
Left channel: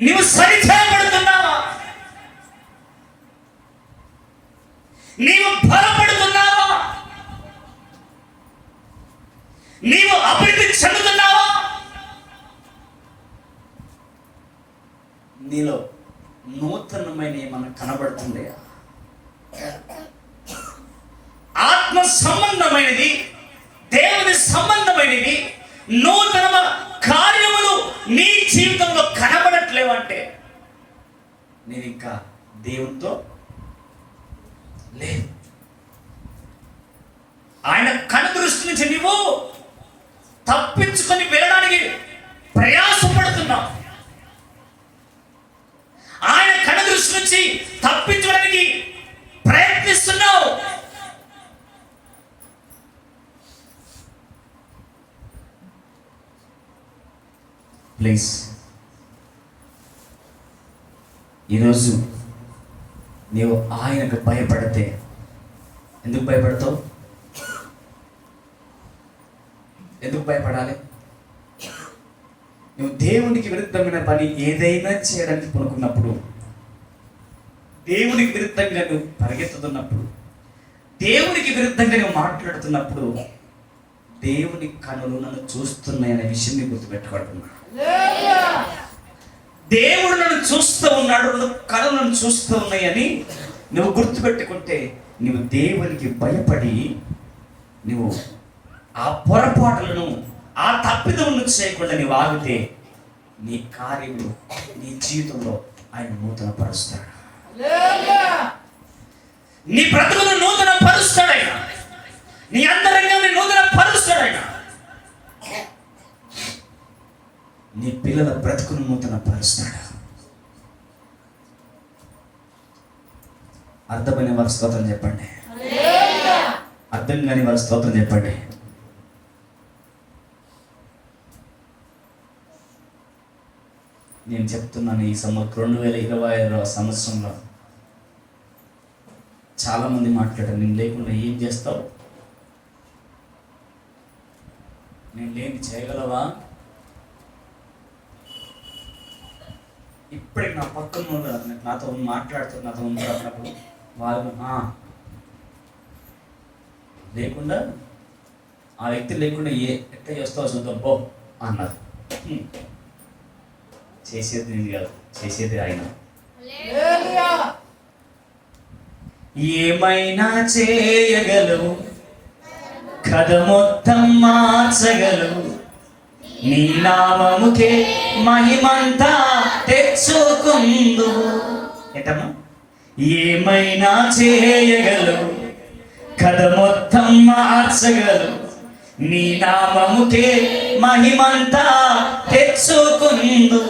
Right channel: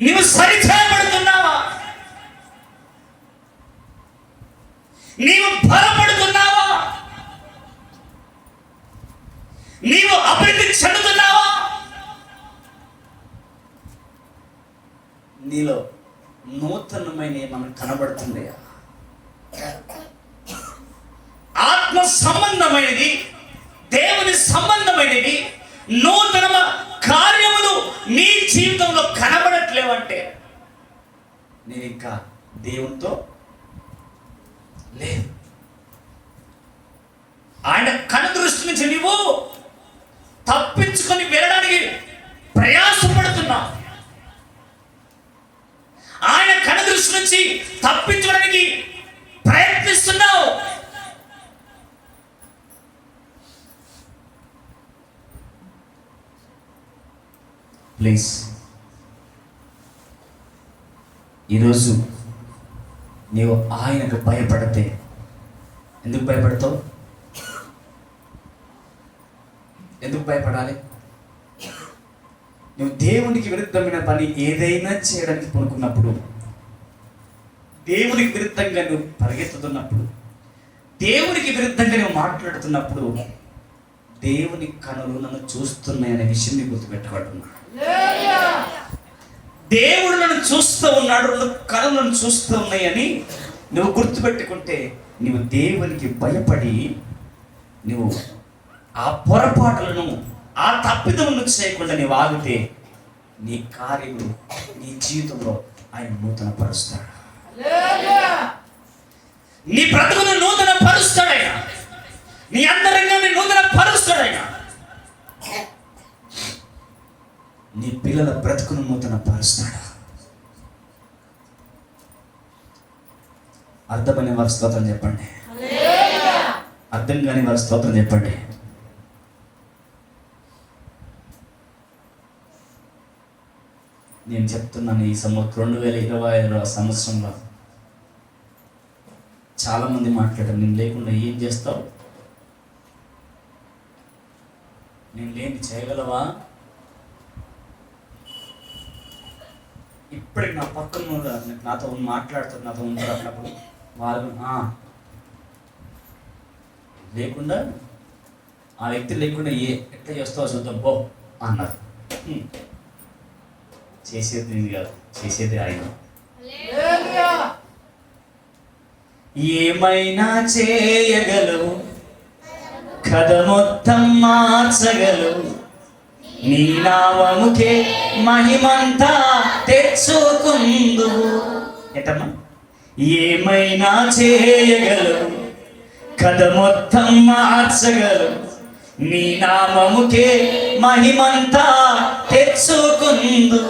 నీవు సరిచేయబడుతున్నావా? నీవు బలపడుతున్నావా? నీవు అభివృద్ధి చెందుతున్నావా? నీలో నూతనమైన ఏమన్నా కనబడుతుందయా? ఆత్మ సంబంధమైనది, దేవుని సంబంధమైనది నూతన కార్యములు నీ జీవితంలో కనబడట్లేవంటే నేను ఇంకా దేవునితో లేదు. ఆయన కనుదృష్టి నుంచి నీవు తప్పించుకొని వెళ్ళడానికి ప్రయాసపడుతున్నావు. ఆయన కనుదృష్టి నుంచి తప్పించడానికి ప్రయత్నిస్తున్నావు. ప్లీజ్ ఈరోజు నీవు ఆయనకు భయపడితే, ఎందుకు భయపడతావు? ఎందుకు భయపడాలి? నువ్వు దేవునికి విరుద్ధమైన పని ఏదైనా చేయడానికి పూనుకున్నప్పుడు, దేవునికి విరుద్ధంగా నువ్వు పరిగెత్తుతున్నప్పుడు, దేవునికి విరుద్ధంగా నువ్వు మాట్లాడుతున్నప్పుడు దేవుని కనులు నన్ను చూస్తున్నాయనే విషయాన్ని గుర్తుపెట్టుకుంటున్నా. దేవుడు నన్ను చూస్తూ ఉన్నాడు, కనులు నన్ను చూస్తూ ఉన్నాయని నువ్వు గుర్తుపెట్టుకుంటే నువ్వు దేవునికి భయపడి నువ్వు ఆ పొరపాట్లను, ఆ తప్పిదములను చేయకుండా నీవు ఆగితే నీ కార్యములు నీ జీవితంలో ఆయన నూతన పరుస్తాడు. నీ బ్రతుకును నూతన పరుస్తాడైనా, నీ అంతరంగాన్ని నూతన పరుస్తాడైనా, నీ పిల్లల బ్రతుకును నూతన పరుస్తాడు. అర్థమని వారి స్తోత్రం చెప్పండి. అర్థం కాని వారి స్తోత్రం చెప్పండి. నేను చెప్తున్నాను, ఈ 2025 సంవత్సరంలో చాలా మంది మాట్లాడారు, నేను లేకుండా ఏం చేస్తావు, నేను లేని చేయగలవా? ఇప్పటికి నా పక్కన నాతో మాట్లాడుతారు, నాతో ఉంటారు. అన్నప్పుడు వాళ్ళు లేకుండా, ఆ వ్యక్తి లేకుండా ఎట్లా చేస్తావు చూద్దాం బో అన్నారు. చేసేది నేను కాదు, చేసేది ఆయన. ఏమైనా చేయగలవు, కథ మొత్తం మార్చగలవు, నీ నామముకే మహిమంతా తెచ్చుకుందు. ఏంటమ్మా? ఏమైనా చేయగలవు, కథ మొత్తం మార్చగలవు, నీ నామముకే మహిమంతా తెచ్చుకుందు.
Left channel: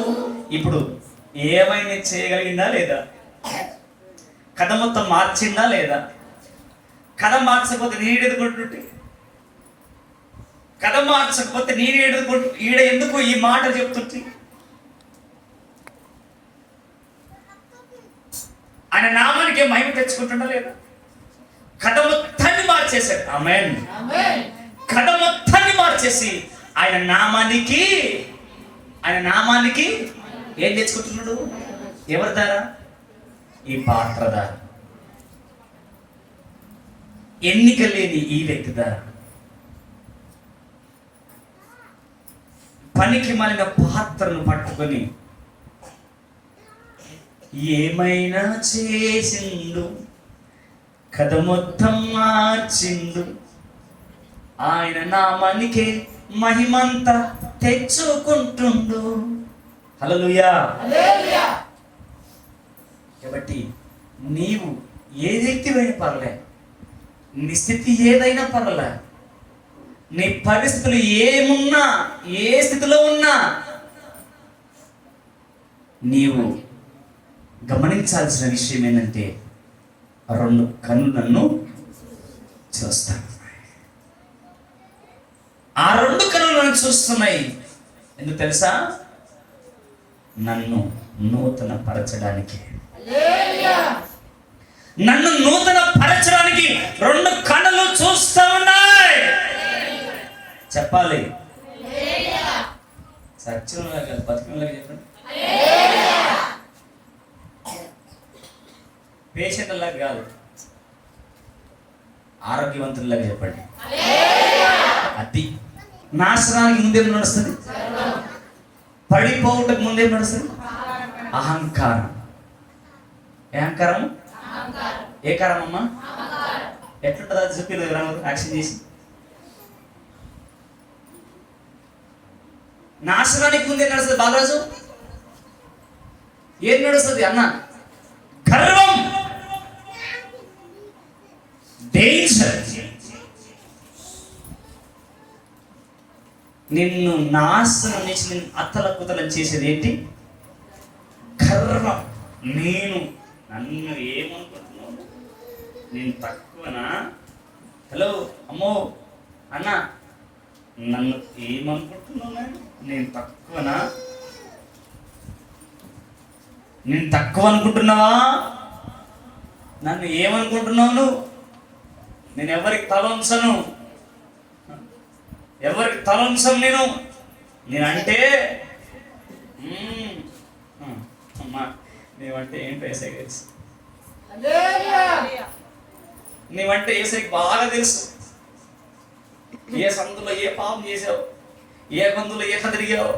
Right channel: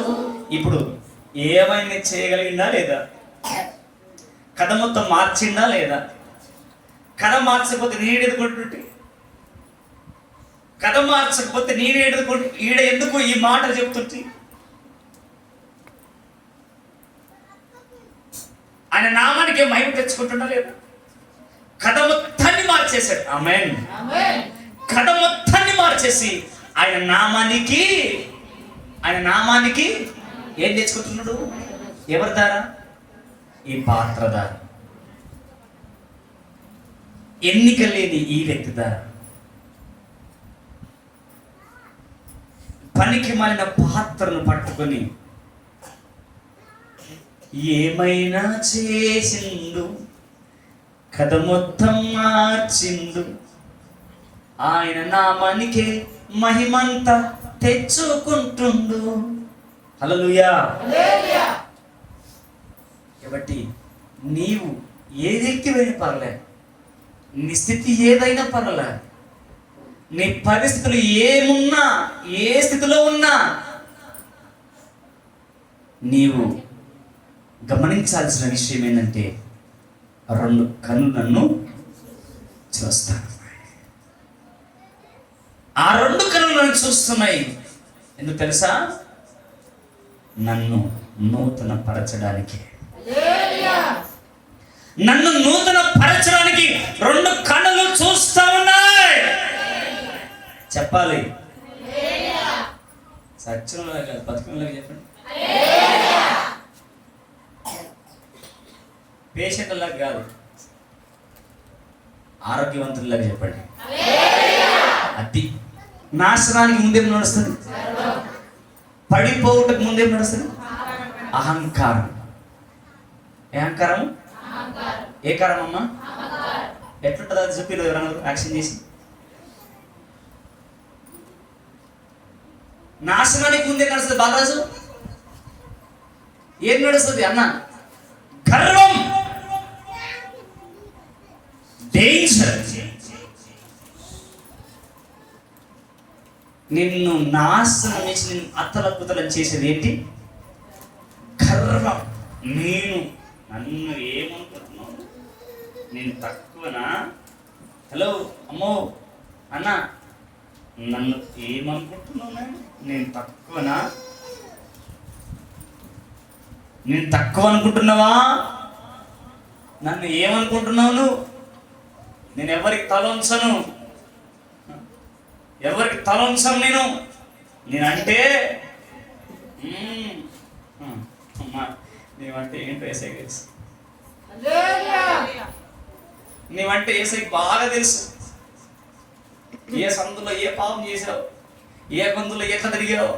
ఇప్పుడు ఏమైనా చేయగలిగిందా లేదా? కథ మొత్తం మార్చిందా లేదా? కథ మార్చకపోతే నేను ఎదుర్కొంటుంటే కథ మార్చకపోతే ఈడ ఎందుకు ఈ మాట చెప్తుంటే? ఆయన నామానికి మహిమ తెచ్చుకుంటున్నా లేదా? కథ మొత్తాన్ని మార్చేశాడు. ఆమేన్. కథ మొత్తాన్ని మార్చేసి ఆయన నామానికి ఏం తెచ్చుకుంటున్నాడు? ఎవరి ద్వారా? ఈ పాత్ర ద్వారా, ఎన్నిక లేని ఈ వ్యక్తి ద్వారా, పనికి మాలిన పాత్రను పట్టుకొని ఏమైనా చేసిండు, కథ మొత్తం మార్చిండు, ఆయన నామానికే మహిమంతా తెచ్చుకుంటుండు. హల్లెలూయా. కాబట్టి నీవు ఏ వ్యక్తివైనా పర్లే, నీ స్థితి ఏదైనా పర్లే, నీ పరిస్థితులు ఏమున్నా, ఏ స్థితిలో ఉన్నా, నీవు గమనించాల్సిన విషయం ఏంటంటే 2 కన్నులు నన్ను చూస్తాను. ఆ 2 కన్నులు నన్ను చూస్తున్నాయి. ఎందుకు తెలుసా? నన్ను నూతన పరచడానికి. నన్ను నూతన పరచడానికి 2 కన్నులు చూస్తా ఉన్నాయి. చెప్పాలి. సత్యంలాగా బతుకులాగా చెప్పండి. పేషెంట్లాగా కాదు, ఆరోగ్యవంతుల్లాగా చెప్పండి. అది నాశనానికి ముందేం నడుస్తుంది? పడిపోవుటకు ముందేం నడుస్తుంది? అహంకారం. ఏ అహంకారం? ఏ కారం అమ్మా? ఎట్లుంటుంది అది చెప్పి యాక్షన్ చేసి. నాశనానికి ముందే నడుస్తుంది బాలరాజు. ఏం నడుస్తుంది అన్న? గర్వం, డేంజర్. నిన్ను నాశనం చేసి నిన్ను అత్తలకుతలం చేసేది ఏంటి? గర్వం. నన్ను ఏమనుకుంటున్నావు? నేను తక్కువనా? హలో అమ్మో అన్న, నన్ను ఏమనుకుంటున్నావు? నేను తక్కువనా? నేను తక్కువ అనుకుంటున్నావా? నన్ను ఏమనుకుంటున్నావు నువ్వు? నేను ఎవరికి తల ఉంచను, ఎవరికి తల ఉంచను. నేనంటే నీవంటే ఏంటో ఏసై తెలుసు. నీవంటే ఏసైకి బాగా తెలుసు. ఏ సందులో ఏ పాపం చేసావు, ఏ గొంతులో ఎట్లా తిరిగావు,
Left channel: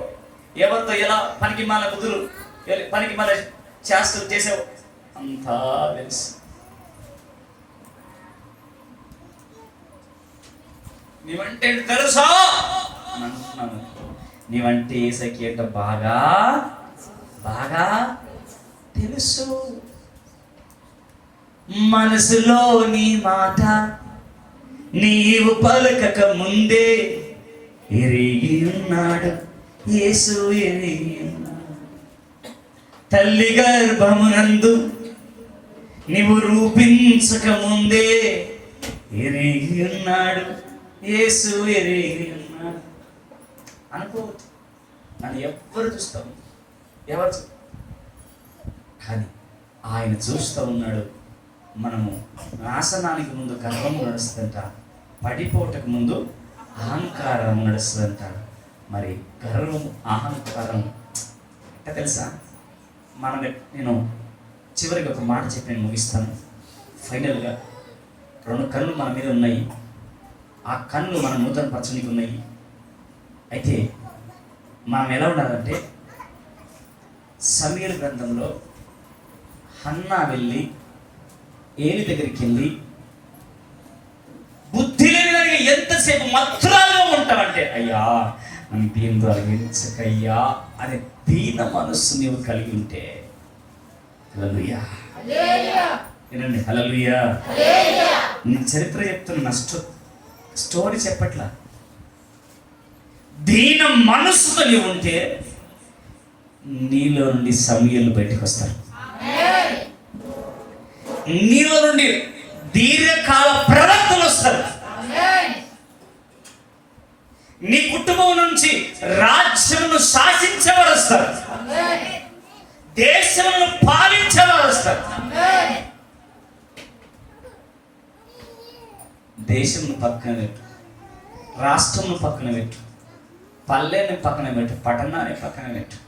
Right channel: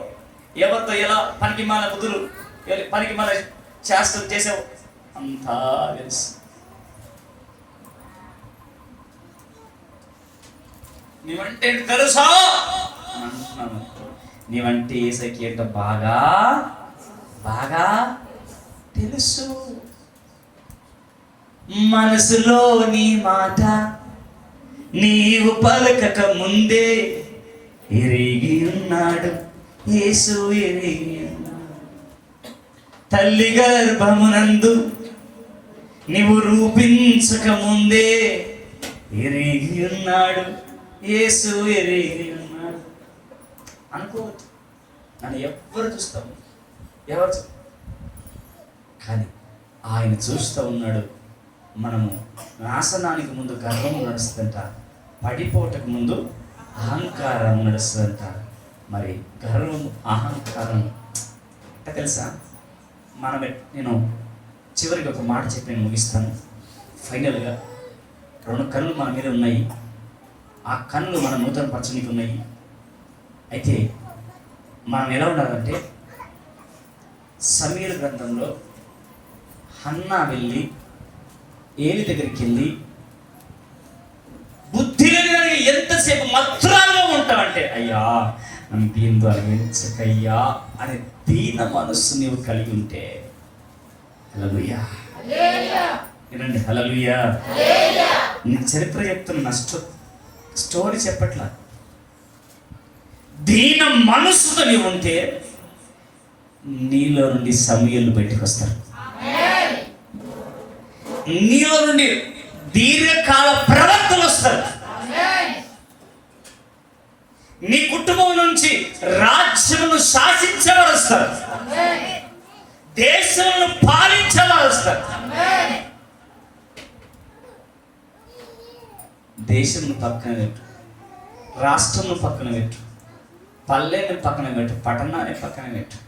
ఎవరితో ఎలా పనికి మాల బుద్ధులు, పనికి మాల చేస్తూ చేసావు, అంతా తెలుసు. నీవంటే తెలుసా అంటున్నాను. నీవంటే ఏసైకి ఏంటో బాగా బాగా తెలుసు. మనసులోని మాట నీవు పలకక ముందే ఎరిగి ఉన్నాడు యేసు. ఎరిగి తల్లి గర్భమునందు నీవు రూపించక ముందే ఎరిగి ఉన్నాడు యేసు. ఎరిగి ఉన్నాడు. అనుకోవద్దు నన్ను ఎవరు చూస్తాము, ఎవరు కానీ ఆయన చూస్తూ ఉన్నాడు. మనము నాశనానికి ముందు గర్వం నడుస్తుందంట, పడిపోవటకు ముందు అహంకారం నడుస్తుందంట. మరి గర్వం, అహంకారం తెలుసా? నేను చివరికి ఒక మాట చెప్పి నేను ముగిస్తాను. ఫైనల్గా 2 కన్నులు మన మీద ఉన్నాయి. ఆ కన్నులు మన నూతన పరచడానికి ఉన్నాయి. అయితే మనం ఎలా ఉండాలంటే, సమూయేలు గ్రంథంలో హన్నా వెళ్ళి ఏలి దగ్గరికి వెళ్ళి, బుద్ధి లేని ఎంతసేపు మత్తురాలుగా ఉంటావంటే, అయ్యా నన్ను దీని తొలగించకయ్యా అనే దీన మనస్సు నీవు కలిగి ఉంటే, హల్లెలూయా వినండి, హల్లెలూయా. నీ చరిత్ర చెప్తున్న స్టోరీ చెప్పట్లా. దీన మనస్సుతో నీవు ఉంటే నీలో నుండి సమూయేలు బయటకు వస్తారు. నీలో నుండి దీర్ఘకాల ప్రవక్తలు వస్తారు. నుంచి రాజ్యమును శాసించేవారు వస్తారు, దేశమును పాలించేవారు వస్తారు. దేశమును పక్కన పెట్టు, రాష్ట్రమును పక్కన పెట్టు, పల్లెని పక్కన పెట్టు, పట్టణాన్ని పక్కన పెట్టు,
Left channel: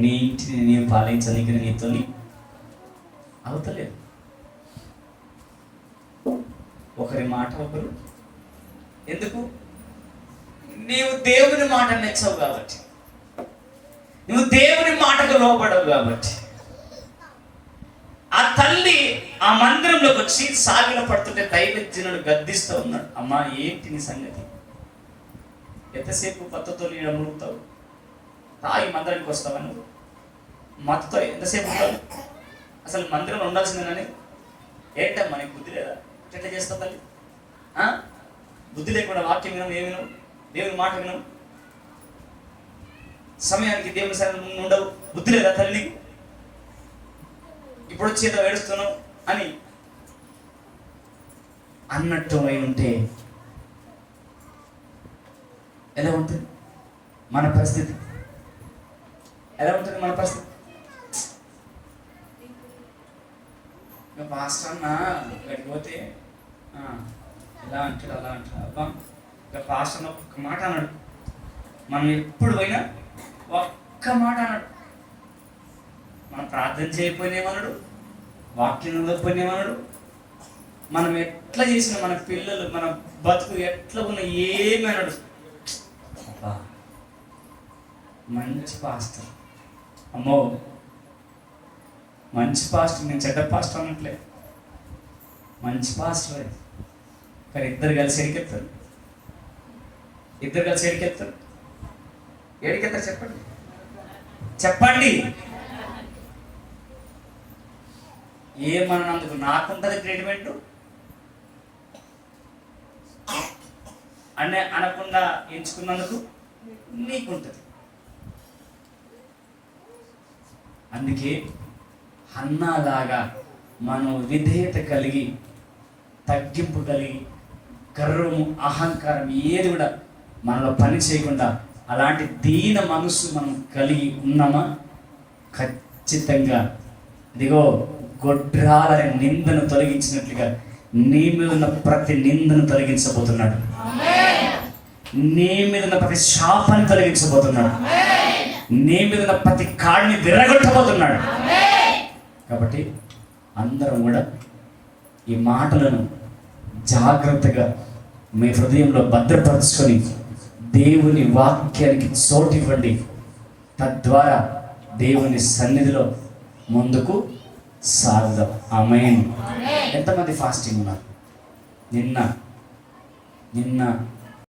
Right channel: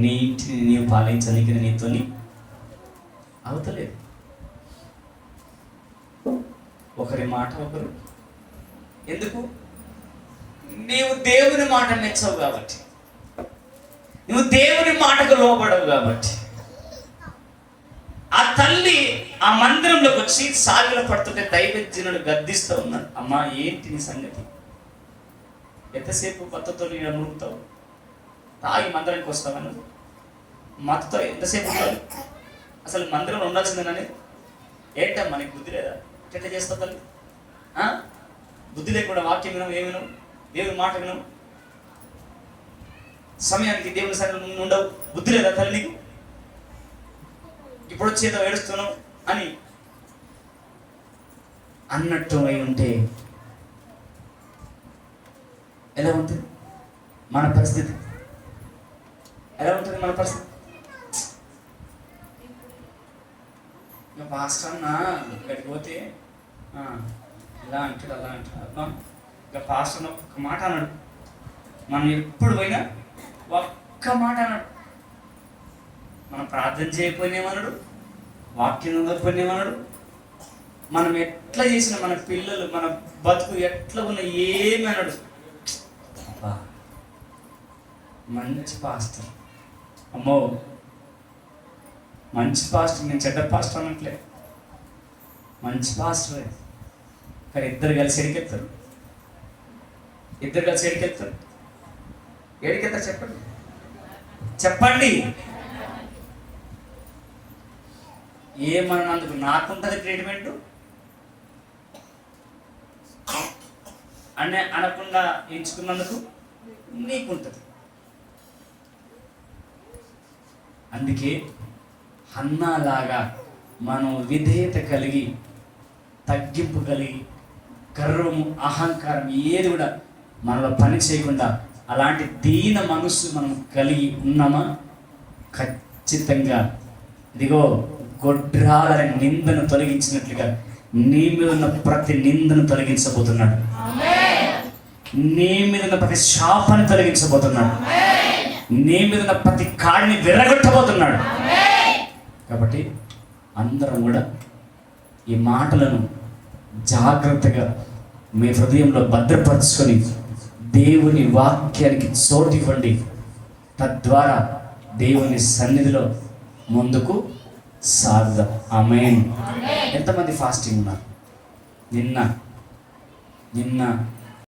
నీ ఇంటిని నీవు పాలించడానికి నీతోని అవుతలేదు. ఒకరి మాట ఒకరు, ఎందుకు? నీవు దేవుని మాట మెచ్చవు కాబట్టి, నువ్వు దేవుని మాటకు లోబడవు కాబట్టి. ఆ తల్లి ఆ మందిరంలోకి వచ్చి సాగిల పడుతుంటే దైవజనుడు గద్దిస్తూ ఉన్నాడు, అమ్మా ఏంటి నీ సంగతి? ఎంతసేపు మత్తుతో నేను మునుగుతావు? తాగి మందిరానికి వస్తావా? నువ్వు మత్తుతో ఎంతసేపు ఉంటావు? అసలు మందిరంలో ఉండాల్సిందేనని ఏంటమ్మా నీకు బుద్ధి లేదా? ఎట్లా చేస్తావు తల్లి? బుద్ధి లేకుండా వాక్యం వినవు, ఏమి వినవు, దేవుని మాట వినవు, సమయానికి దేవుని సన్నిధిలో ఉండవు, బుద్ధి లేదా తల్లి నీకు? ఇప్పుడు వచ్చేదో ఏడుస్తున్నావు అని అన్నట్టు అయి ఉంటే ఎలా ఉంటుంది మన పరిస్థితి? ఎలా ఉంటుంది మన పరిస్థితి? ఇంకా పాస్టర్ అన్న ఇక్కడికి పోతే ఇలా అంటాడు, అలా అంటాడు. అబ్బా ఇంకా పాస్టర్ ఒక్క మాట అన్నాడు, మనం ఎప్పుడు పోయినా ఒక్క మాట అన్నాడు. మనం ప్రార్థన చేయకపోయినేమన్నాడు, వాక్యం చదవకపోయినేమన్నాడు, మనం ఎట్లా చేసినా మన పిల్లలు మన బతుకు ఎట్లా ఉన్నా ఏమి అన్నాడు. మంచి పాస్టర్, అమ్మో మంచి పాస్టర్, నేను చెడ్డ పాస్టర్ అన్నట్లే, మంచి పాస్టర్. కానీ ఇద్దరు కలిసి ఎడికెత్తారు, ఇద్దరు కలిసి ఎడికెత్తారు. ఎడికెత్తారు చెప్పండి, చెప్పండి. ఏమన్నందుకు నాకుంటుంది ట్రీట్మెంట్ అనే అనకుండా ఎంచుకున్నందుకు నీకుంటుంది. అందుకే హన్నాలాగా మనం విధేయత కలిగి, తగ్గింపు కలిగి, గర్వము అహంకారం ఏది కూడా మనలో పని చేయకుండా అలాంటి దీన మనసు మనం కలిగి ఉన్నామా? ఖచ్చితంగా ఇదిగో గొడ్రాలని నిందను తొలగించినట్లుగా నీ మీద ఉన్న ప్రతి నిందను తొలగించబోతున్నాడు, నీ మీద ఉన్న ప్రతి శాపాన్ని తొలగించబోతున్నాడు, నీ మీద ఉన్న ప్రతి కాడిని విరగొట్టబోతున్నాడు. కాబట్టి అందరం కూడా ఈ మాటలను జాగ్రత్తగా మీ హృదయంలో భద్రపరుచుకొని దేవుని వాక్యానికి చోటు ఇవ్వండి. తద్వారా దేవుని సన్నిధిలో ముందుకు సాగుదాం. ఆమేన్. ఎంతమంది ఫాస్టింగ్ ఉన్నారు? నిన్న